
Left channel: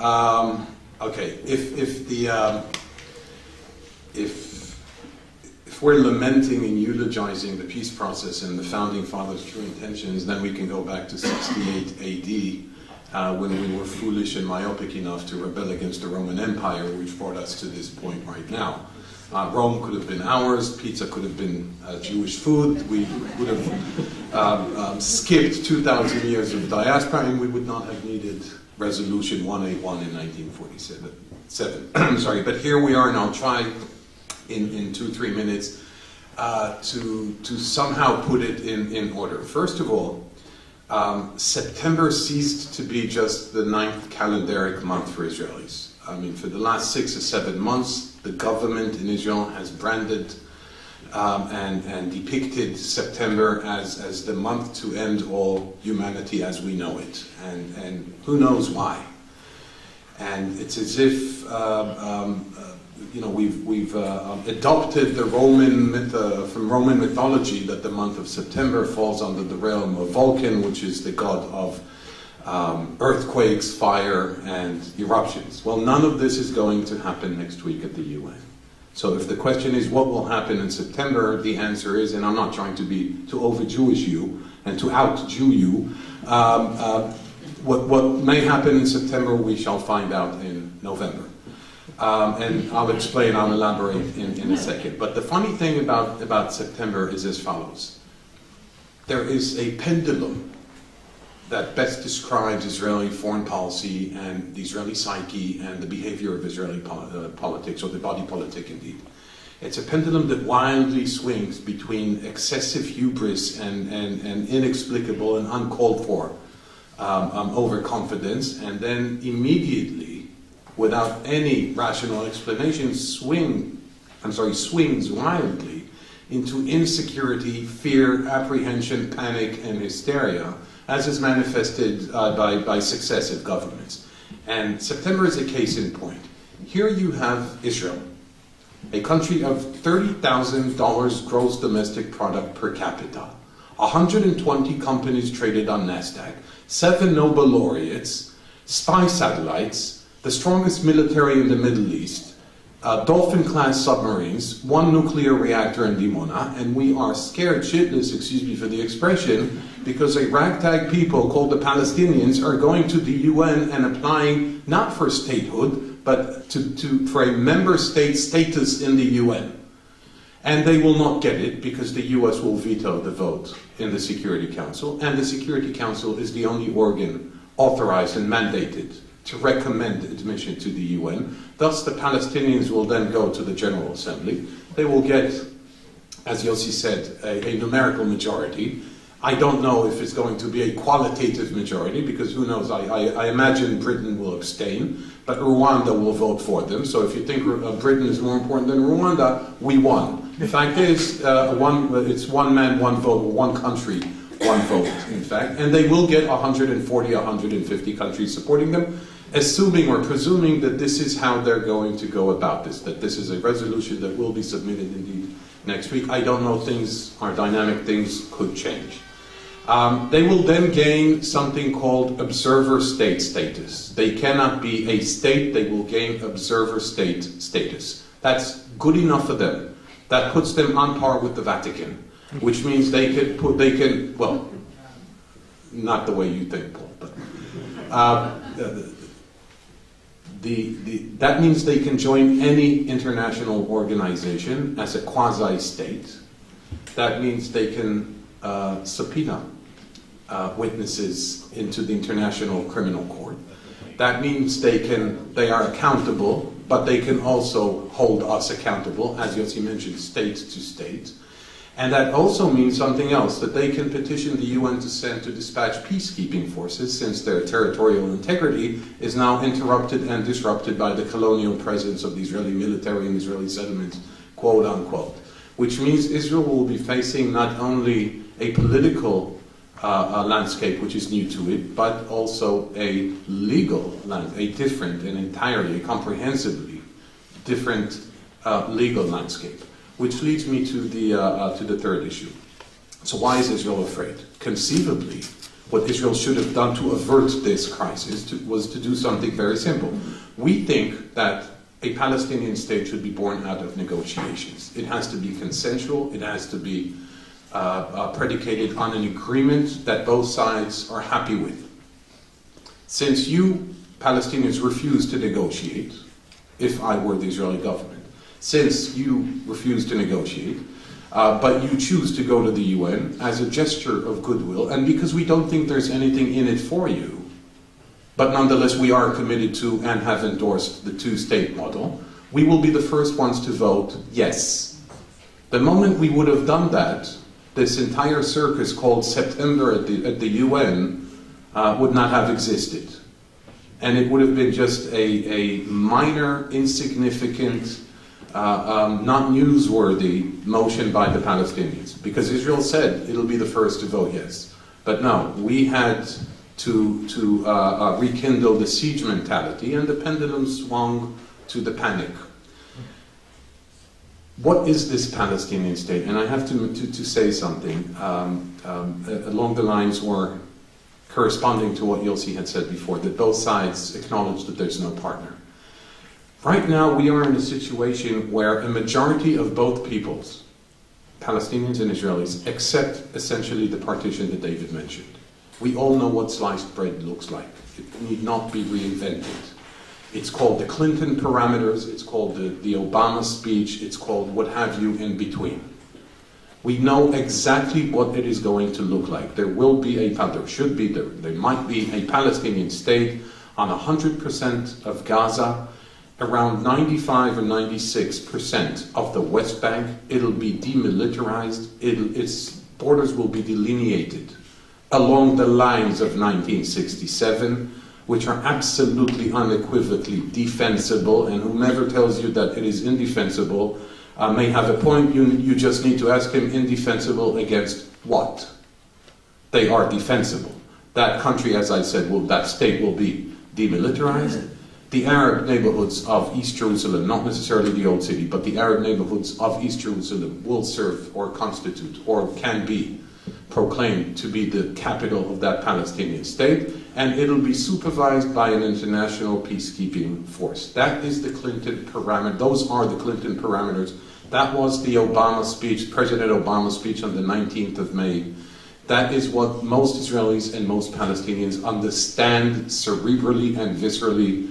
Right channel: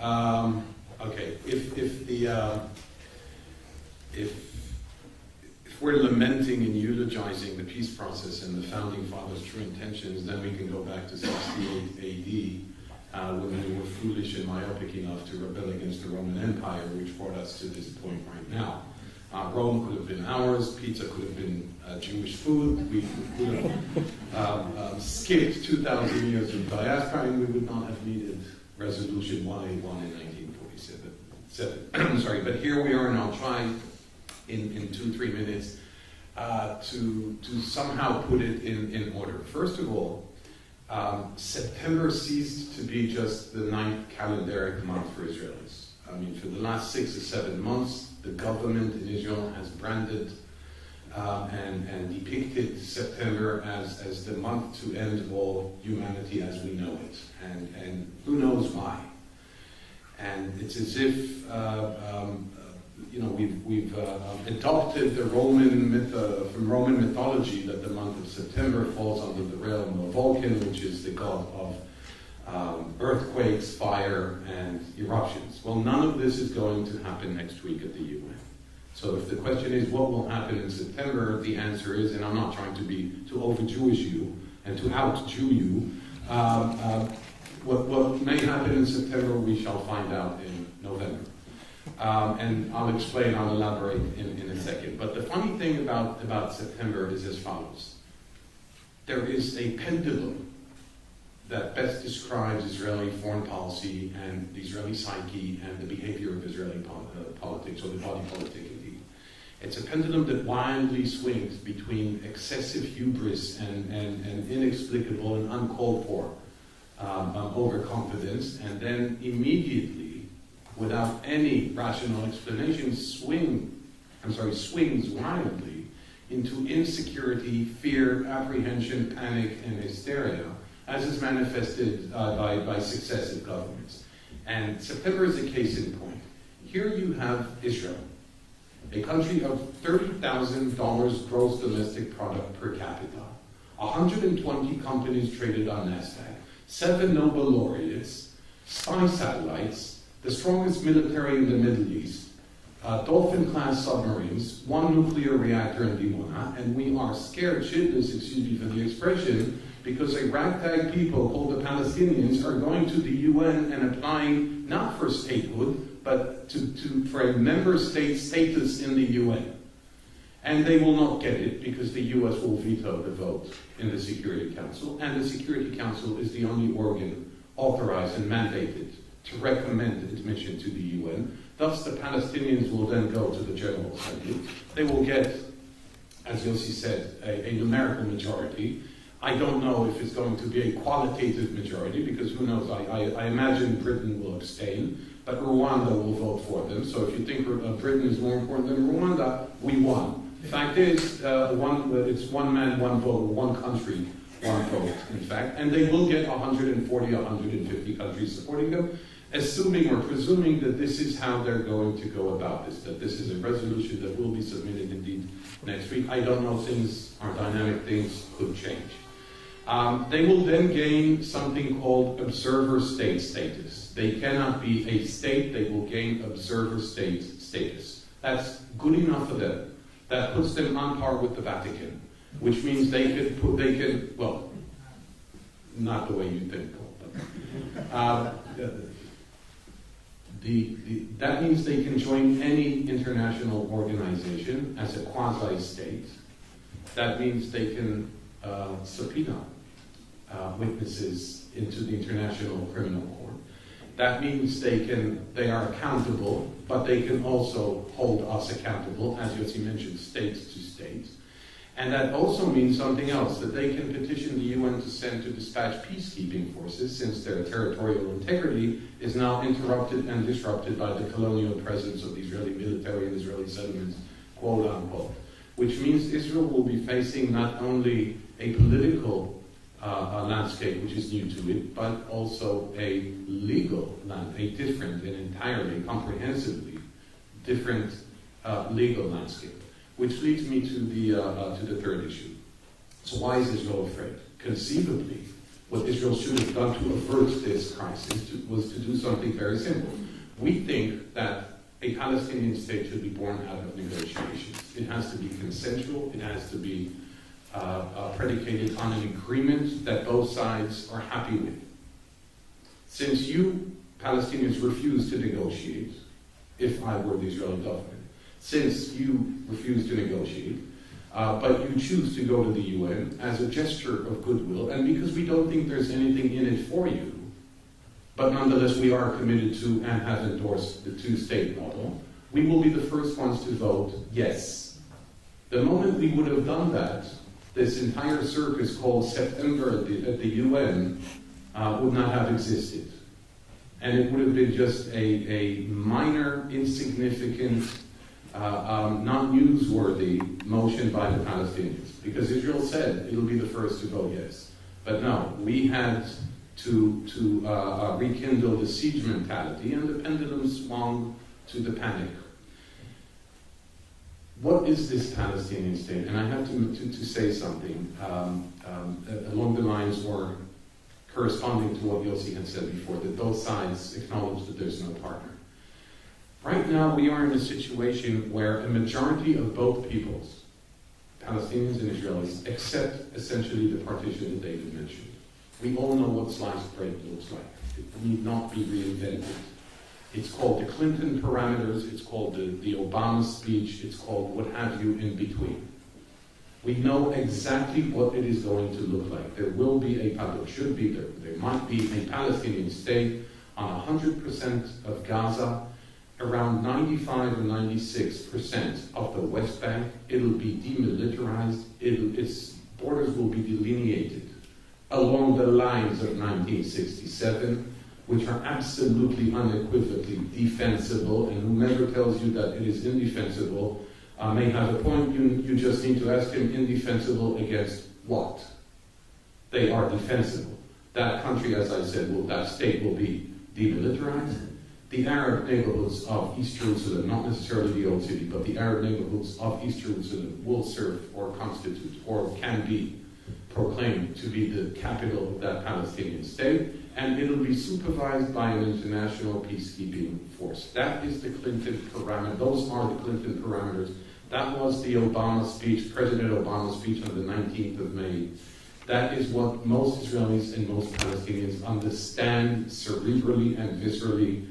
Okay, if we're lamenting and eulogizing the peace process and the founding fathers' true intentions, then we can go back to 68 AD, when we were foolish and myopic enough to rebel against the Roman Empire, which brought us to this point right now. Rome could have been ours, pizza could have been Jewish food, we would have skipped 2,000 years of diaspora, and we would not have needed Resolution 181 in 1947. Sorry, but here we are, and I'll try in 2-3 minutes to somehow put it in order. First of all, September ceased to be just the 9th calendaric month for Israelis. I mean, for the last 6 or 7 months, the government in Israel has branded and depicted September as the month to end all humanity as we know it, and who knows why. And it's as if we've adopted the from Roman mythology that the month of September falls under the realm of Vulcan, which is the god of earthquakes, fire, and eruptions. Well, none of this is going to happen next week at the UN. So if the question is what will happen in September, the answer is, and I'm not trying to over-Jewish you and to out-Jew you, what may happen in September we shall find out in November. And I'll elaborate in a second. But the funny thing about September is as follows. There is a pendulum that best describes Israeli foreign policy and the Israeli psyche and the behavior of Israeli politics, or the body politic indeed. It's a pendulum that wildly swings between excessive hubris and inexplicable and uncalled for overconfidence, and then immediately, without any rational explanation, swings wildly into insecurity, fear, apprehension, panic, and hysteria, as is manifested by successive governments. And September is a case in point. Here you have Israel, a country of $30,000 gross domestic product per capita, 120 companies traded on NASDAQ, 7 Nobel laureates, spy satellites, the strongest military in the Middle East, Dolphin-class submarines, 1 nuclear reactor in Dimona, and we are scared shitless, excuse me for the expression, because a ragtag people called the Palestinians are going to the UN and applying not for statehood, but for a member state status in the UN. And they will not get it because the US will veto the vote in the Security Council, and the Security Council is the only organ authorized and mandated to recommend admission to the UN. Thus, the Palestinians will then go to the General Assembly. They will get, as Yossi said, a numerical majority. I don't know if it's going to be a qualitative majority, because who knows, I imagine Britain will abstain, but Rwanda will vote for them. So if you think Britain is more important than Rwanda, we won. The fact is, it's one man, one vote, or one country, one vote, in fact. And they will get 140, 150 countries supporting them, assuming or presuming that this is how they're going to go about this, that this is a resolution that will be submitted indeed next week. I don't know, things are dynamic, things could change. They will then gain something called observer state status. They cannot be a state, they will gain observer state status. That's good enough for them. That puts them on par with the Vatican, which means they can, well, not the way you think, but that means they can join any international organization as a quasi-state. That means they can subpoena witnesses into the International Criminal Court. That means they are accountable, but they can also hold us accountable, as Yossi mentioned, state to state. And that also means something else, that they can petition the UN to send to dispatch peacekeeping forces, since their territorial integrity is now interrupted and disrupted by the colonial presence of the Israeli military and Israeli settlements, quote unquote. Which means Israel will be facing not only a political landscape, which is new to it, but also a legal landscape, a different and entirely, comprehensively different legal landscape. Which leads me to the third issue. So why is Israel afraid? Conceivably, what Israel should have done to avert this crisis was to do something very simple. We think that a Palestinian state should be born out of negotiations. It has to be consensual, it has to be predicated on an agreement that both sides are happy with. Since you Palestinians refuse to negotiate, if I were the Israeli government, since you refuse to negotiate, but you choose to go to the UN as a gesture of goodwill, and because we don't think there's anything in it for you, but nonetheless we are committed to and have endorsed the two-state model, we will be the first ones to vote yes. The moment we would have done that, this entire circus called September at the UN would not have existed. And it would have been just a minor, insignificant, not newsworthy motion by the Palestinians. Because Israel said it'll be the first to vote yes. But no, we had to rekindle the siege mentality, and the pendulum swung to the panic. What is this Palestinian state? And I have to say something along the lines or corresponding to what Yossi had said before, that both sides acknowledge that there's no partner. Right now we are in a situation where a majority of both peoples, Palestinians and Israelis, accept essentially the partition that David mentioned. We all know what sliced bread looks like. It need not be reinvented. It's called the Clinton parameters, it's called the Obama speech, it's called what have you in between. We know exactly what it is going to look like. There will be there should be, there might be a Palestinian state on 100% of Gaza, around 95 or 96% of the West Bank. It'll be demilitarized, its borders will be delineated along the lines of 1967, which are absolutely unequivocally defensible, and whomever tells you that it is indefensible may have a point. You just need to ask him, indefensible against what? They are defensible. That country, as I said, that state will be demilitarized. The Arab neighborhoods of East Jerusalem, not necessarily the old city, but the Arab neighborhoods of East Jerusalem will serve or constitute or can be proclaimed to be the capital of that Palestinian state, and it'll be supervised by an international peacekeeping force. That is the Clinton parameter. Those are the Clinton parameters. That was the Obama speech, President Obama's speech on the 19th of May. That is what most Israelis and most Palestinians understand cerebrally and viscerally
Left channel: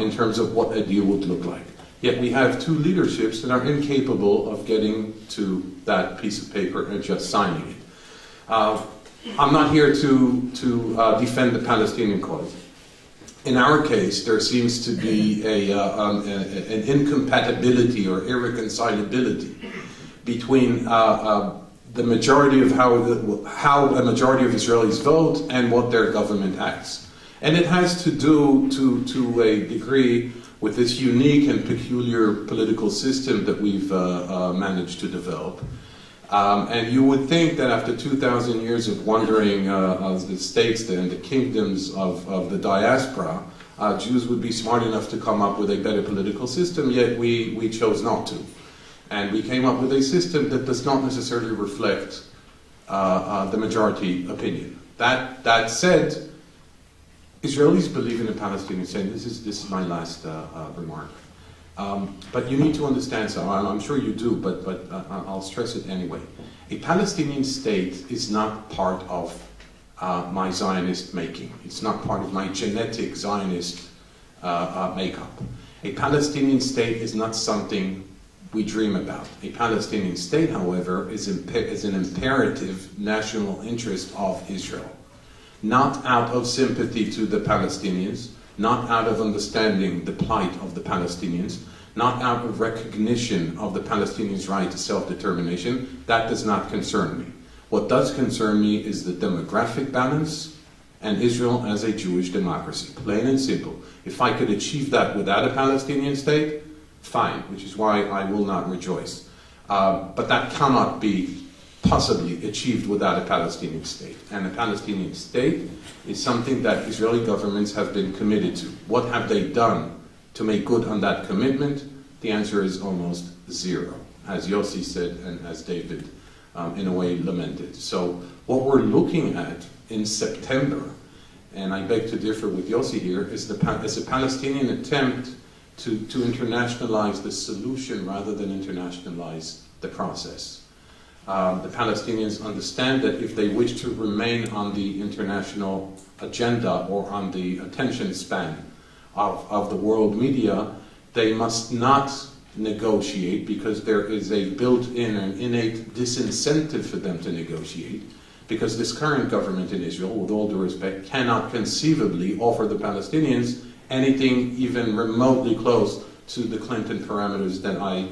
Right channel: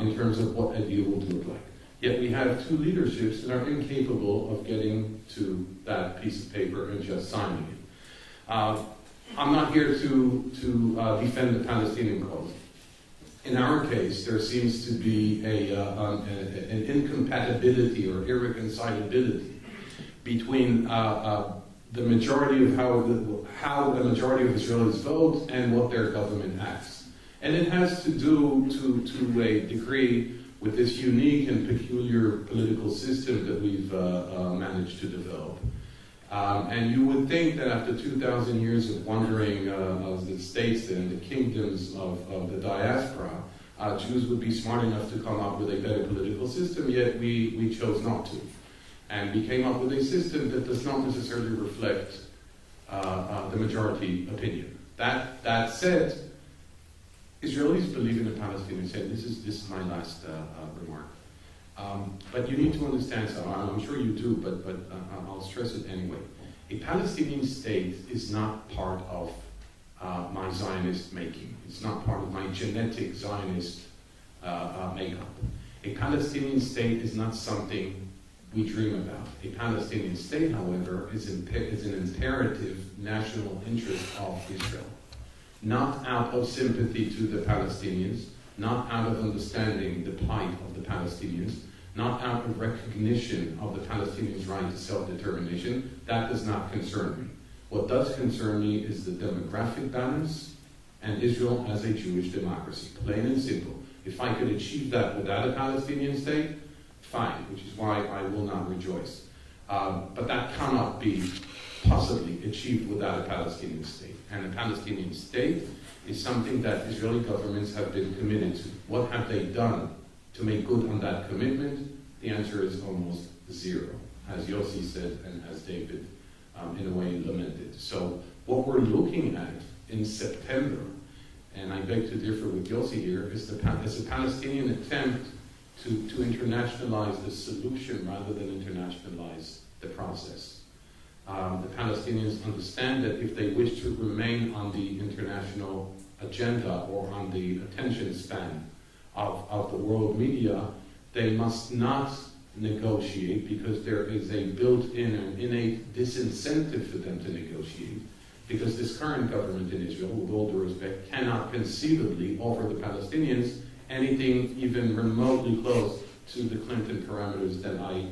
in terms of what a deal would look like. Yet we have two leaderships that are incapable of getting to that piece of paper and just signing it. I'm not here to defend the Palestinian cause. In our case, there seems to be an incompatibility or irreconcilability between the majority of how a majority of Israelis vote and what their government acts. And it has to do, to a degree, with this unique and peculiar political system that we've managed to develop. And you would think that after 2,000 years of wandering the states and the kingdoms of the diaspora, Jews would be smart enough to come up with a better political system, yet we chose not to. And we came up with a system that does not necessarily reflect the majority opinion. That said, Israelis believe in a Palestinian state. This is my last remark. But you need to understand something. I'm sure you do, but I'll stress it anyway. A Palestinian state is not part of my Zionist making. It's not part of my genetic Zionist makeup. A Palestinian state is not something we dream about. A Palestinian state, however, is an imperative national interest of Israel. Not out of sympathy to the Palestinians, not out of understanding the plight of the Palestinians, not out of recognition of the Palestinians' right to self-determination. That does not concern me. What does concern me is the demographic balance and Israel as a Jewish democracy, plain and simple. If I could achieve that without a Palestinian state, fine, which is why I will not rejoice. But that cannot be possibly achieved without a Palestinian state. And a Palestinian state is something that Israeli governments have been committed to. What have they done to make good on that commitment? The answer is almost zero, as Yossi said and as David in a way lamented. So what we're looking at in September, and I beg to differ with Yossi here, is a Palestinian attempt to internationalize the solution rather than internationalize the process. The Palestinians understand that if they wish to remain on the international agenda or on the attention span of the world media, they must not negotiate because there is a built-in and innate disincentive for them to negotiate, because this current government in Israel, with all due respect, cannot conceivably offer the Palestinians anything even remotely close to the Clinton parameters that I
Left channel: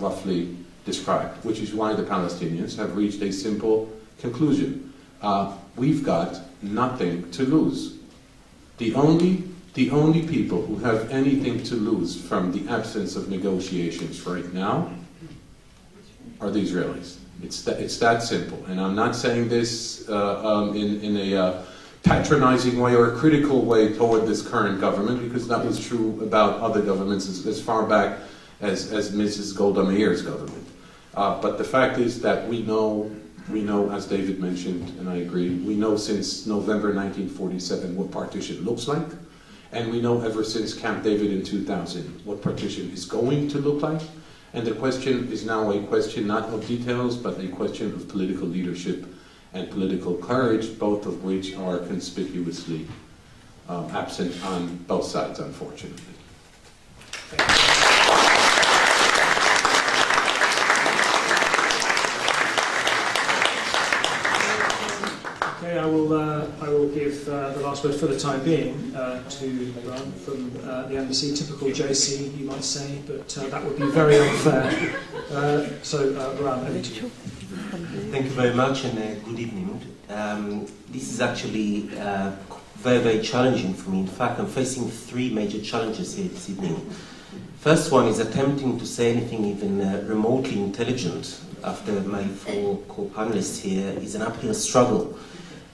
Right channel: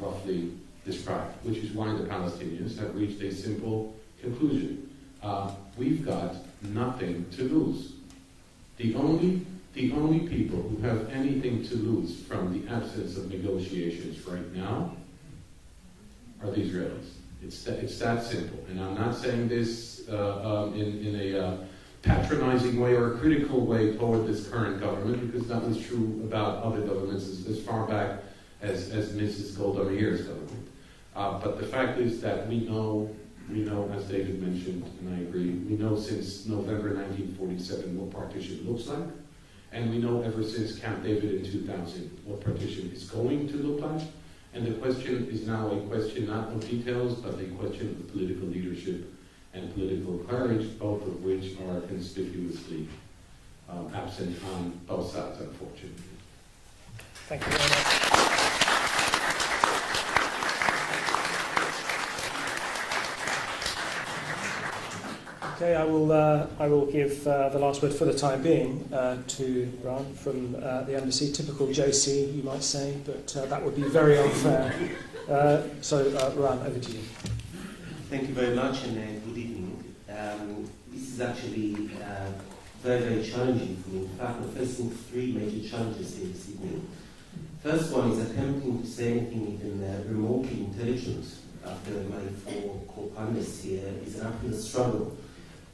roughly described, which is why the Palestinians have reached a simple conclusion. We've got nothing to lose. The only people who have anything to lose from the absence of negotiations right now are the Israelis. It's that simple. And I'm not saying this in a patronizing way or a critical way toward this current government, because that was true about other governments as far back as Mrs. Golda Meir's government. But the fact is that we know, as David mentioned, and I agree, we know since November 1947 what partition looks like, and we know ever since Camp David in 2000 what partition is going to look like. And the question is now a question not of details, but a question of political leadership and political courage, both of which are conspicuously absent on both sides, unfortunately. Thank you. Okay, I will give the last word for the time being to Alon from the embassy. Typical JC, you might say, but that would be very unfair. Alon, over to you. Thank you very much, and good evening. This is actually very, very challenging for me. In fact, I'm facing three major challenges here this evening. First one is attempting to say anything even remotely intelligent after my four co-panelists here is an uphill struggle.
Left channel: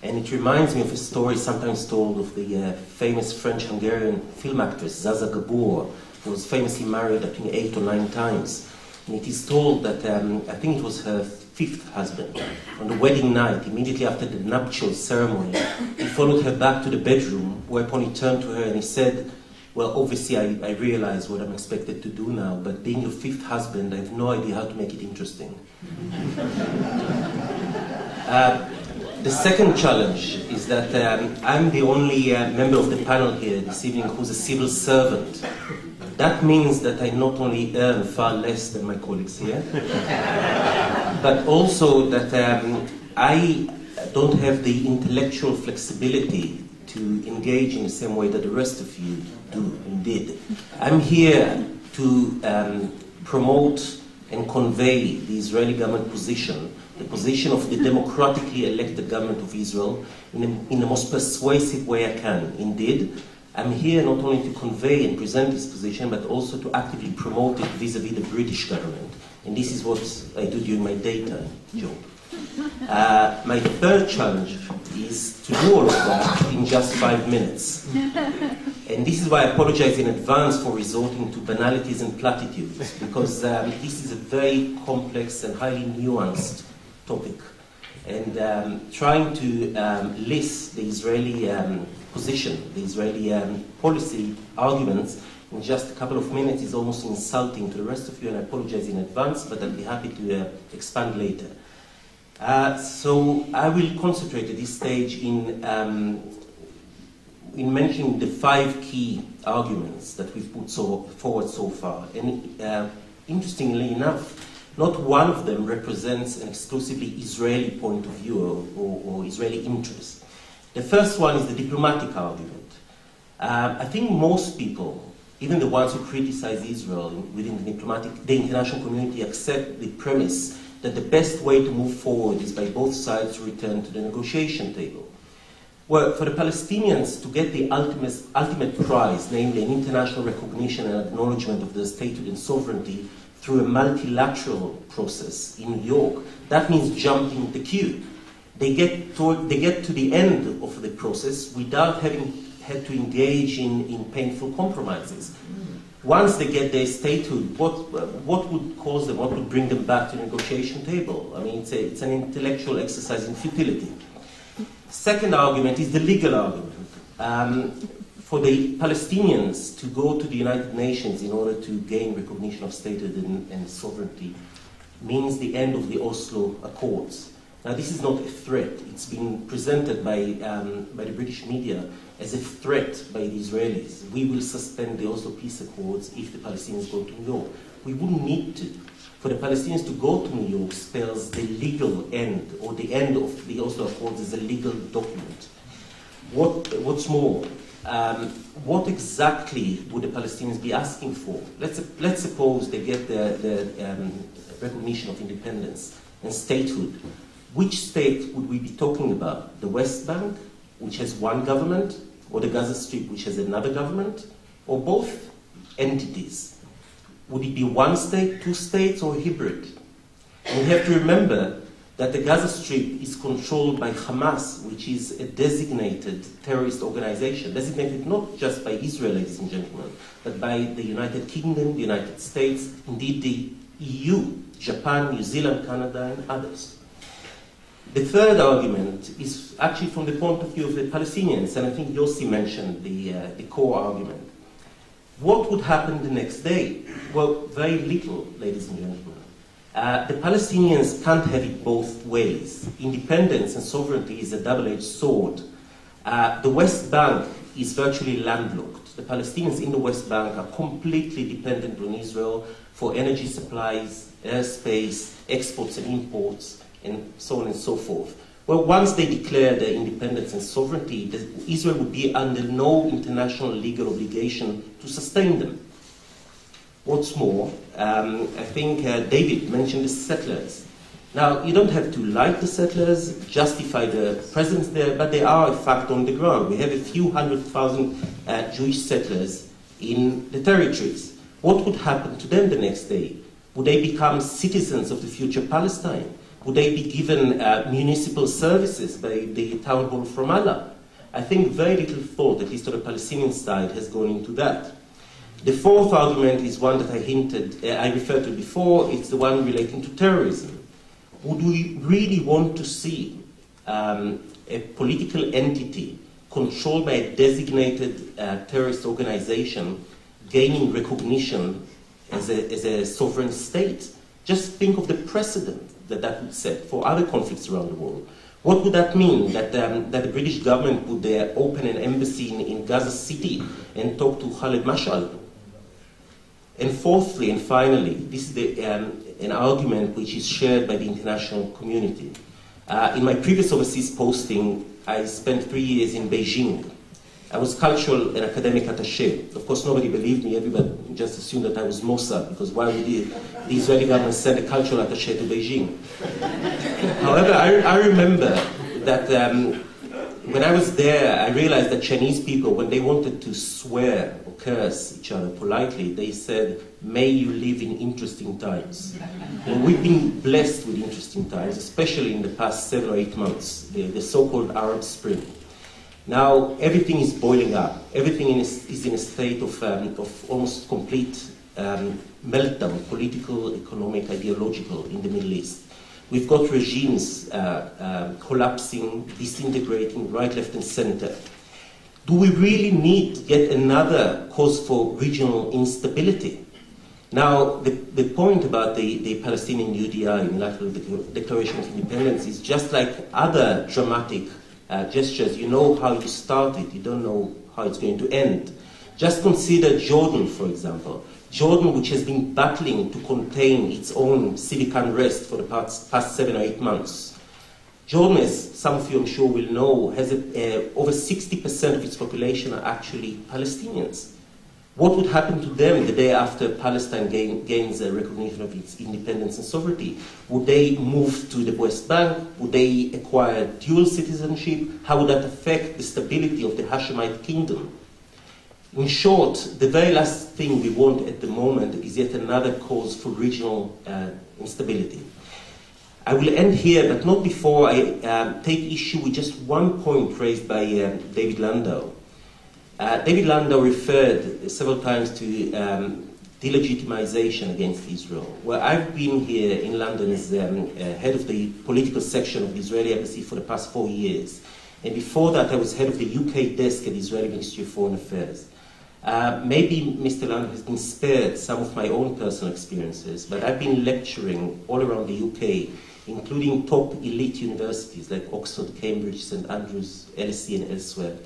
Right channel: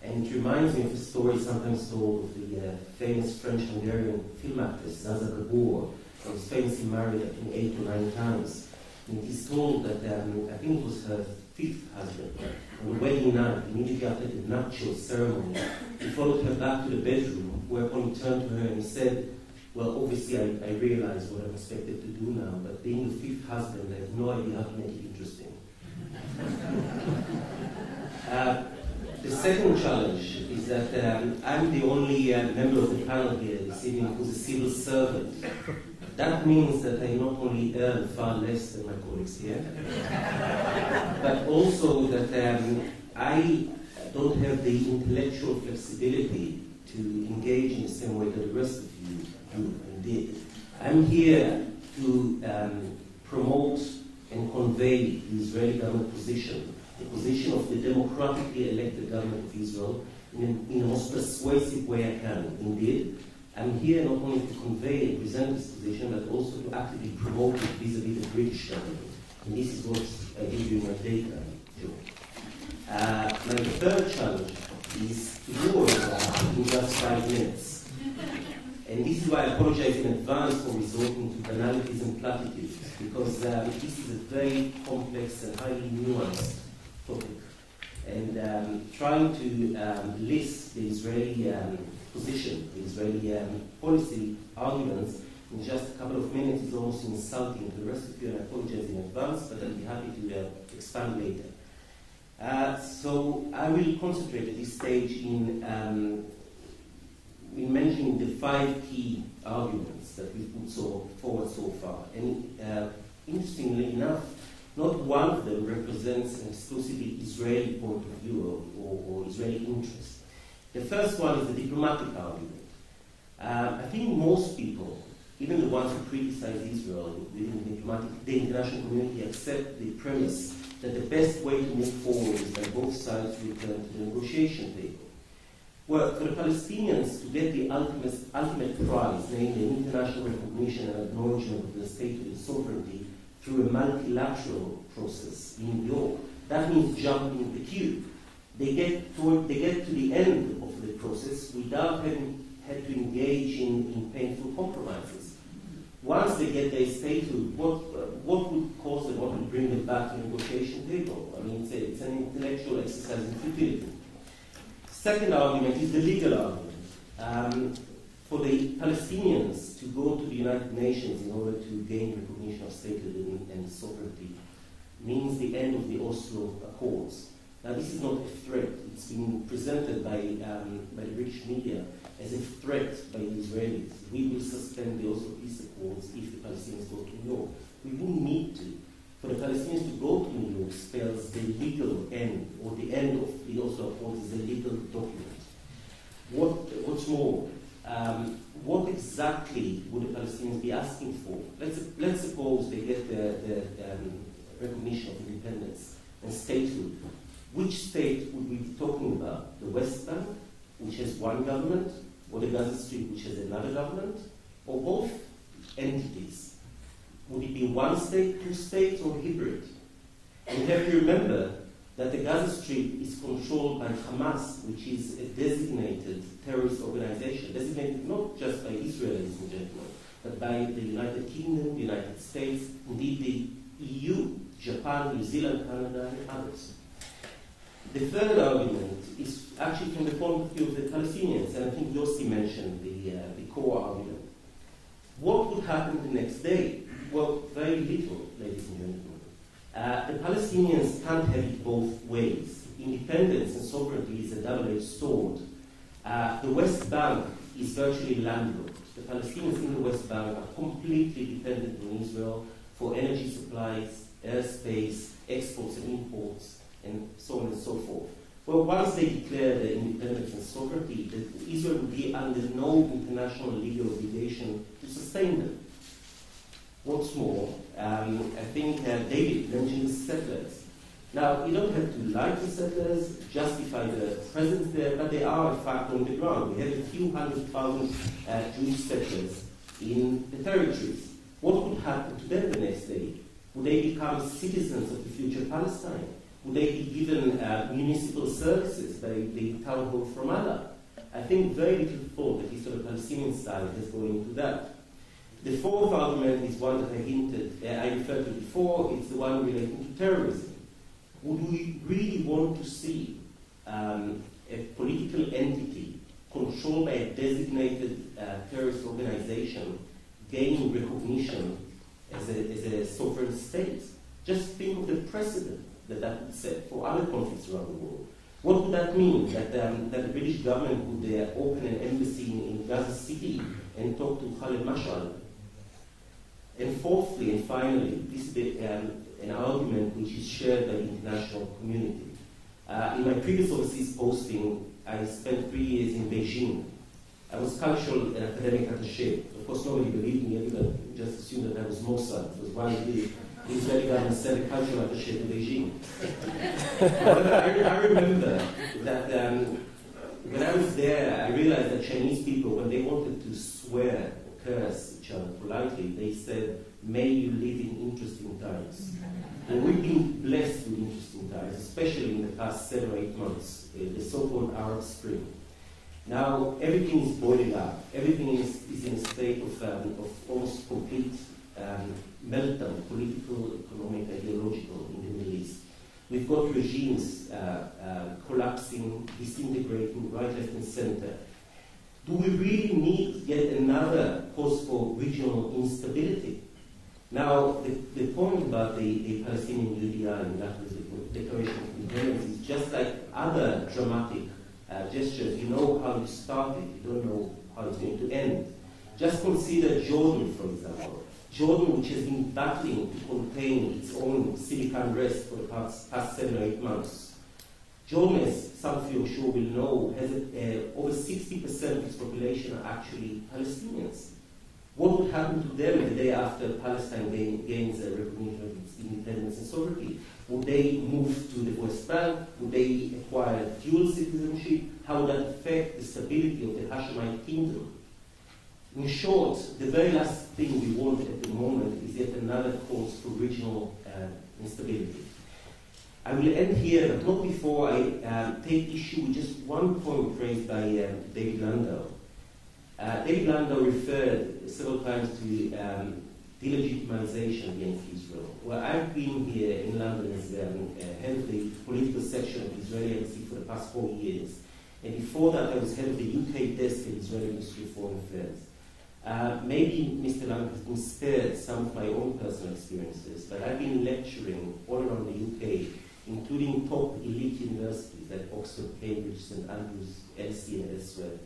And it reminds me of a story sometimes told of the famous French-Hungarian film actress Zaza Gabor, who was famously married, I think, 8 or 9 times. And it is told that, I think it was her fifth husband. On the wedding night, immediately after the nuptial ceremony, he followed her back to the bedroom, whereupon he turned to her and he said, well, obviously I realize what I'm expected to do now, but being your fifth husband, I have no idea how to make it interesting. The second challenge is that I'm the only member of the panel here this evening who's a civil servant. That means that I not only earn far less than my colleagues here, but also that I don't have the intellectual flexibility to engage in the same way that the rest of you do and did. I'm here to promote and convey the Israeli government position, the position of the democratically elected government of Israel in the most persuasive way I can. Indeed, I'm here not only to convey and present this position, but also to actively promote it vis-à-vis the British government. And this is what I do during my daytime job. My third challenge is to do all of that in just 5 minutes. And this is why I apologize in advance for resorting to banalities and platitudes, because this is a very complex and highly nuanced topic. And trying to list the Israeli position, the Israeli policy arguments in just a couple of minutes is almost insulting to the rest of you, and I apologize in advance, but I'll be happy to expand later. So I will concentrate at this stage in mentioning the 5 key arguments that we've put forward so far. And interestingly enough, not one of them represents an exclusively Israeli point of view or Israeli interest. The first one is the diplomatic argument. I think most people, even the ones who criticize Israel within the international community, accept the premise that the best way to move forward is by both sides to return to the negotiation table. Well, for the Palestinians to get the ultimate prize, namely an international recognition and acknowledgement of their statehood and sovereignty through a multilateral process in New York, that means jumping the queue. They get to the end of the process without having had to engage in painful compromises. Once they get their statehood, what would cause them, what would bring them back to the negotiation table? I mean, it's an intellectual exercise in futility. Second argument is the legal argument. For the Palestinians to go to the United Nations in order to gain recognition of statehood and sovereignty means the end of the Oslo Accords. Now, this is not a threat. It's been presented by the British media as a threat by the Israelis. We will suspend the Oslo Peace Accords if the Palestinians go to New York. We wouldn't need to. For the Palestinians to go to New York spells the legal end, or the end of the Oslo Accords is a legal document. What's more, what exactly would the Palestinians be asking for? Let's suppose they get the recognition of independence and statehood. Which state would we be talking about? The West Bank, which has one government, or the Gaza Strip, which has another government, or both entities? Would it be one state, 2 states, or a hybrid? And we have to remember that the Gaza Strip is controlled by Hamas, which is a designated terrorist organization, designated not just by Israel, ladies and gentlemen, but by the United Kingdom, the United States, indeed the EU, Japan, New Zealand, Canada, and others. The third argument is actually from the point of view of the Palestinians, and I think Yossi mentioned the core argument. What would happen the next day? Well, very little, ladies and gentlemen. The Palestinians can't have it both ways. Independence and sovereignty is a double-edged sword. The West Bank is virtually landlocked. The Palestinians in the West Bank are completely dependent on Israel for energy supplies, airspace, exports and imports, and so on and so forth. Well, once they declare their independence and sovereignty, Israel would be under no international legal obligation to sustain them. What's more, I think David mentioned the settlers. Now, you don't have to like the settlers, justify their presence there, but they are a fact on the ground. We have a few 100,000 Jewish settlers in the territories. What would happen to them the next day? Would they become citizens of the future Palestine? Would they be given municipal services by the town hall from Allah? I think very little thought, at least on the Palestinian side, has gone into that. The fourth argument is one that I referred to before. It's the one relating to terrorism. Would we really want to see a political entity controlled by a designated terrorist organization gaining recognition as a sovereign state? Just think of the precedent that would set for other conflicts around the world. What would that mean? That the British government would open an embassy in Gaza City and talk to Khaled Mashal? And fourthly and finally, this is an argument which is shared by the international community. In my previous overseas posting, I spent 3 years in Beijing. I was cultural and academic attaché. Of course, nobody believed me. Everybody just assumed that I was Mossad, because why would the Israeli government send a cultural attaché to Beijing? However, I remember that when I was there, I realized that Chinese people, when they wanted to swear or curse each other politely, they said, "May you live in interesting times." And we've been blessed with interesting times, especially in the past 7 or 8 months, the so-called Arab Spring. Now, everything is boiling up. Everything is in a state of almost complete meltdown, political, economic, ideological, in the Middle East. We've got regimes collapsing, disintegrating, right, left, and center. Do we really need yet another cause for regional instability? Now, the point about the Palestinian UDI, Unilateral Declaration of Independence, is just like other dramatic gestures. You know how you start it, you don't know how it's going to end. Just consider Jordan, for example. Jordan, which has been battling to contain its own civic unrest for the past 7 or 8 months. Jordan, as some of you I'm sure will know, has over 60% of its population are actually Palestinians. What would happen to them the day after Palestine gains a recognition of its independence and sovereignty? Would they move to the West Bank? Would they acquire dual citizenship? How would that affect the stability of the Hashemite kingdom? In short, the very last thing we want at the moment is yet another cause for regional instability. I will end here, but not before I take issue with just one point raised by David Landau. David Landau referred several times to delegitimization against Israel. Well, I've been here in London as head of the political section of the Israeli embassy for the past 4 years. And before that, I was head of the UK desk at the Israeli Ministry of Foreign Affairs. Maybe Mr. Landau has been spared some of my own personal experiences, but I've been lecturing all around the UK, including top elite universities like Oxford, Cambridge, St. Andrews, LSE, and elsewhere.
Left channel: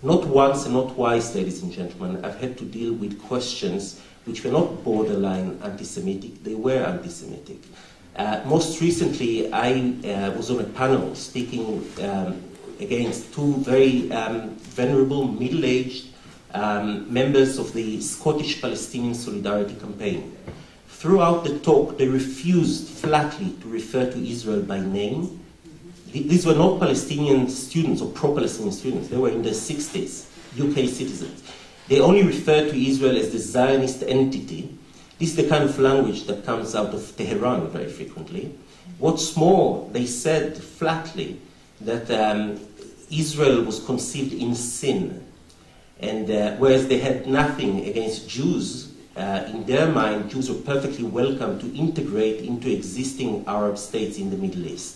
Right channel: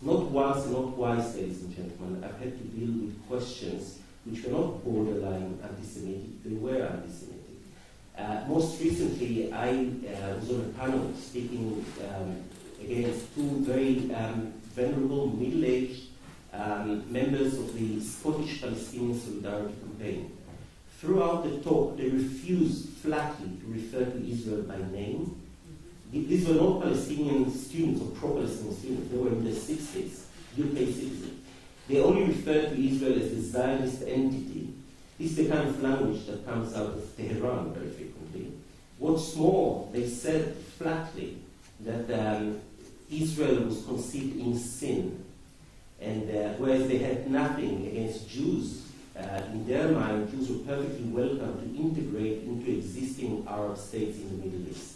Not once and not twice, ladies and gentlemen, I've had to deal with questions which were not borderline anti-Semitic, they were anti-Semitic. Most recently, I was on a panel speaking against 2 very venerable, middle-aged members of the Scottish Palestinian Solidarity Campaign. Throughout the talk, they refused flatly to refer to Israel by name. These were not Palestinian students or pro-Palestinian students. They were in their 60s, UK citizens. They only referred to Israel as the Zionist entity. This is the kind of language that comes out of Tehran very frequently. What's more, they said flatly that Israel was conceived in sin. And whereas they had nothing against Jews, in their mind, Jews were perfectly welcome to integrate into existing Arab states in the Middle East.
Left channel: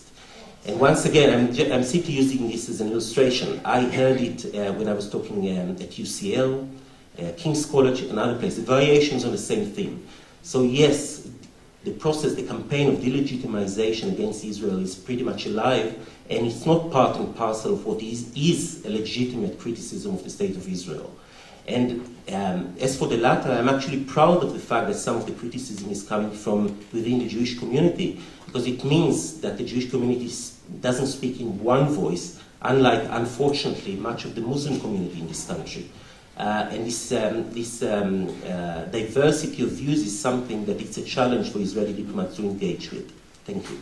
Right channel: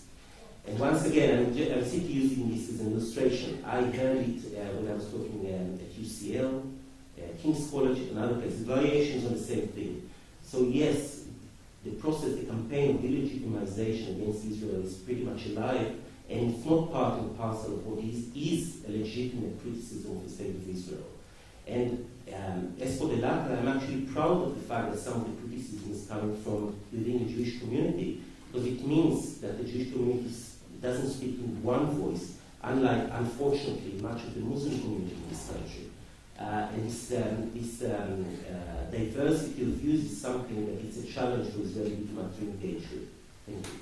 And once again, I'm simply using this as an illustration. I heard it when I was talking at UCL, King's College, and other places, variations on the same theme. So yes, the process, the campaign of delegitimization against Israel is pretty much alive, and it's not part and parcel of what is a legitimate criticism of the state of Israel. And as for the latter, I'm actually proud of the fact that some of the criticism is coming from within the Jewish community, because it means that the Jewish community doesn't speak in one voice, unlike, unfortunately, much of the Muslim community in this country. And this diversity of views is something that it's a challenge for Israeli diplomats to engage with. Thank you.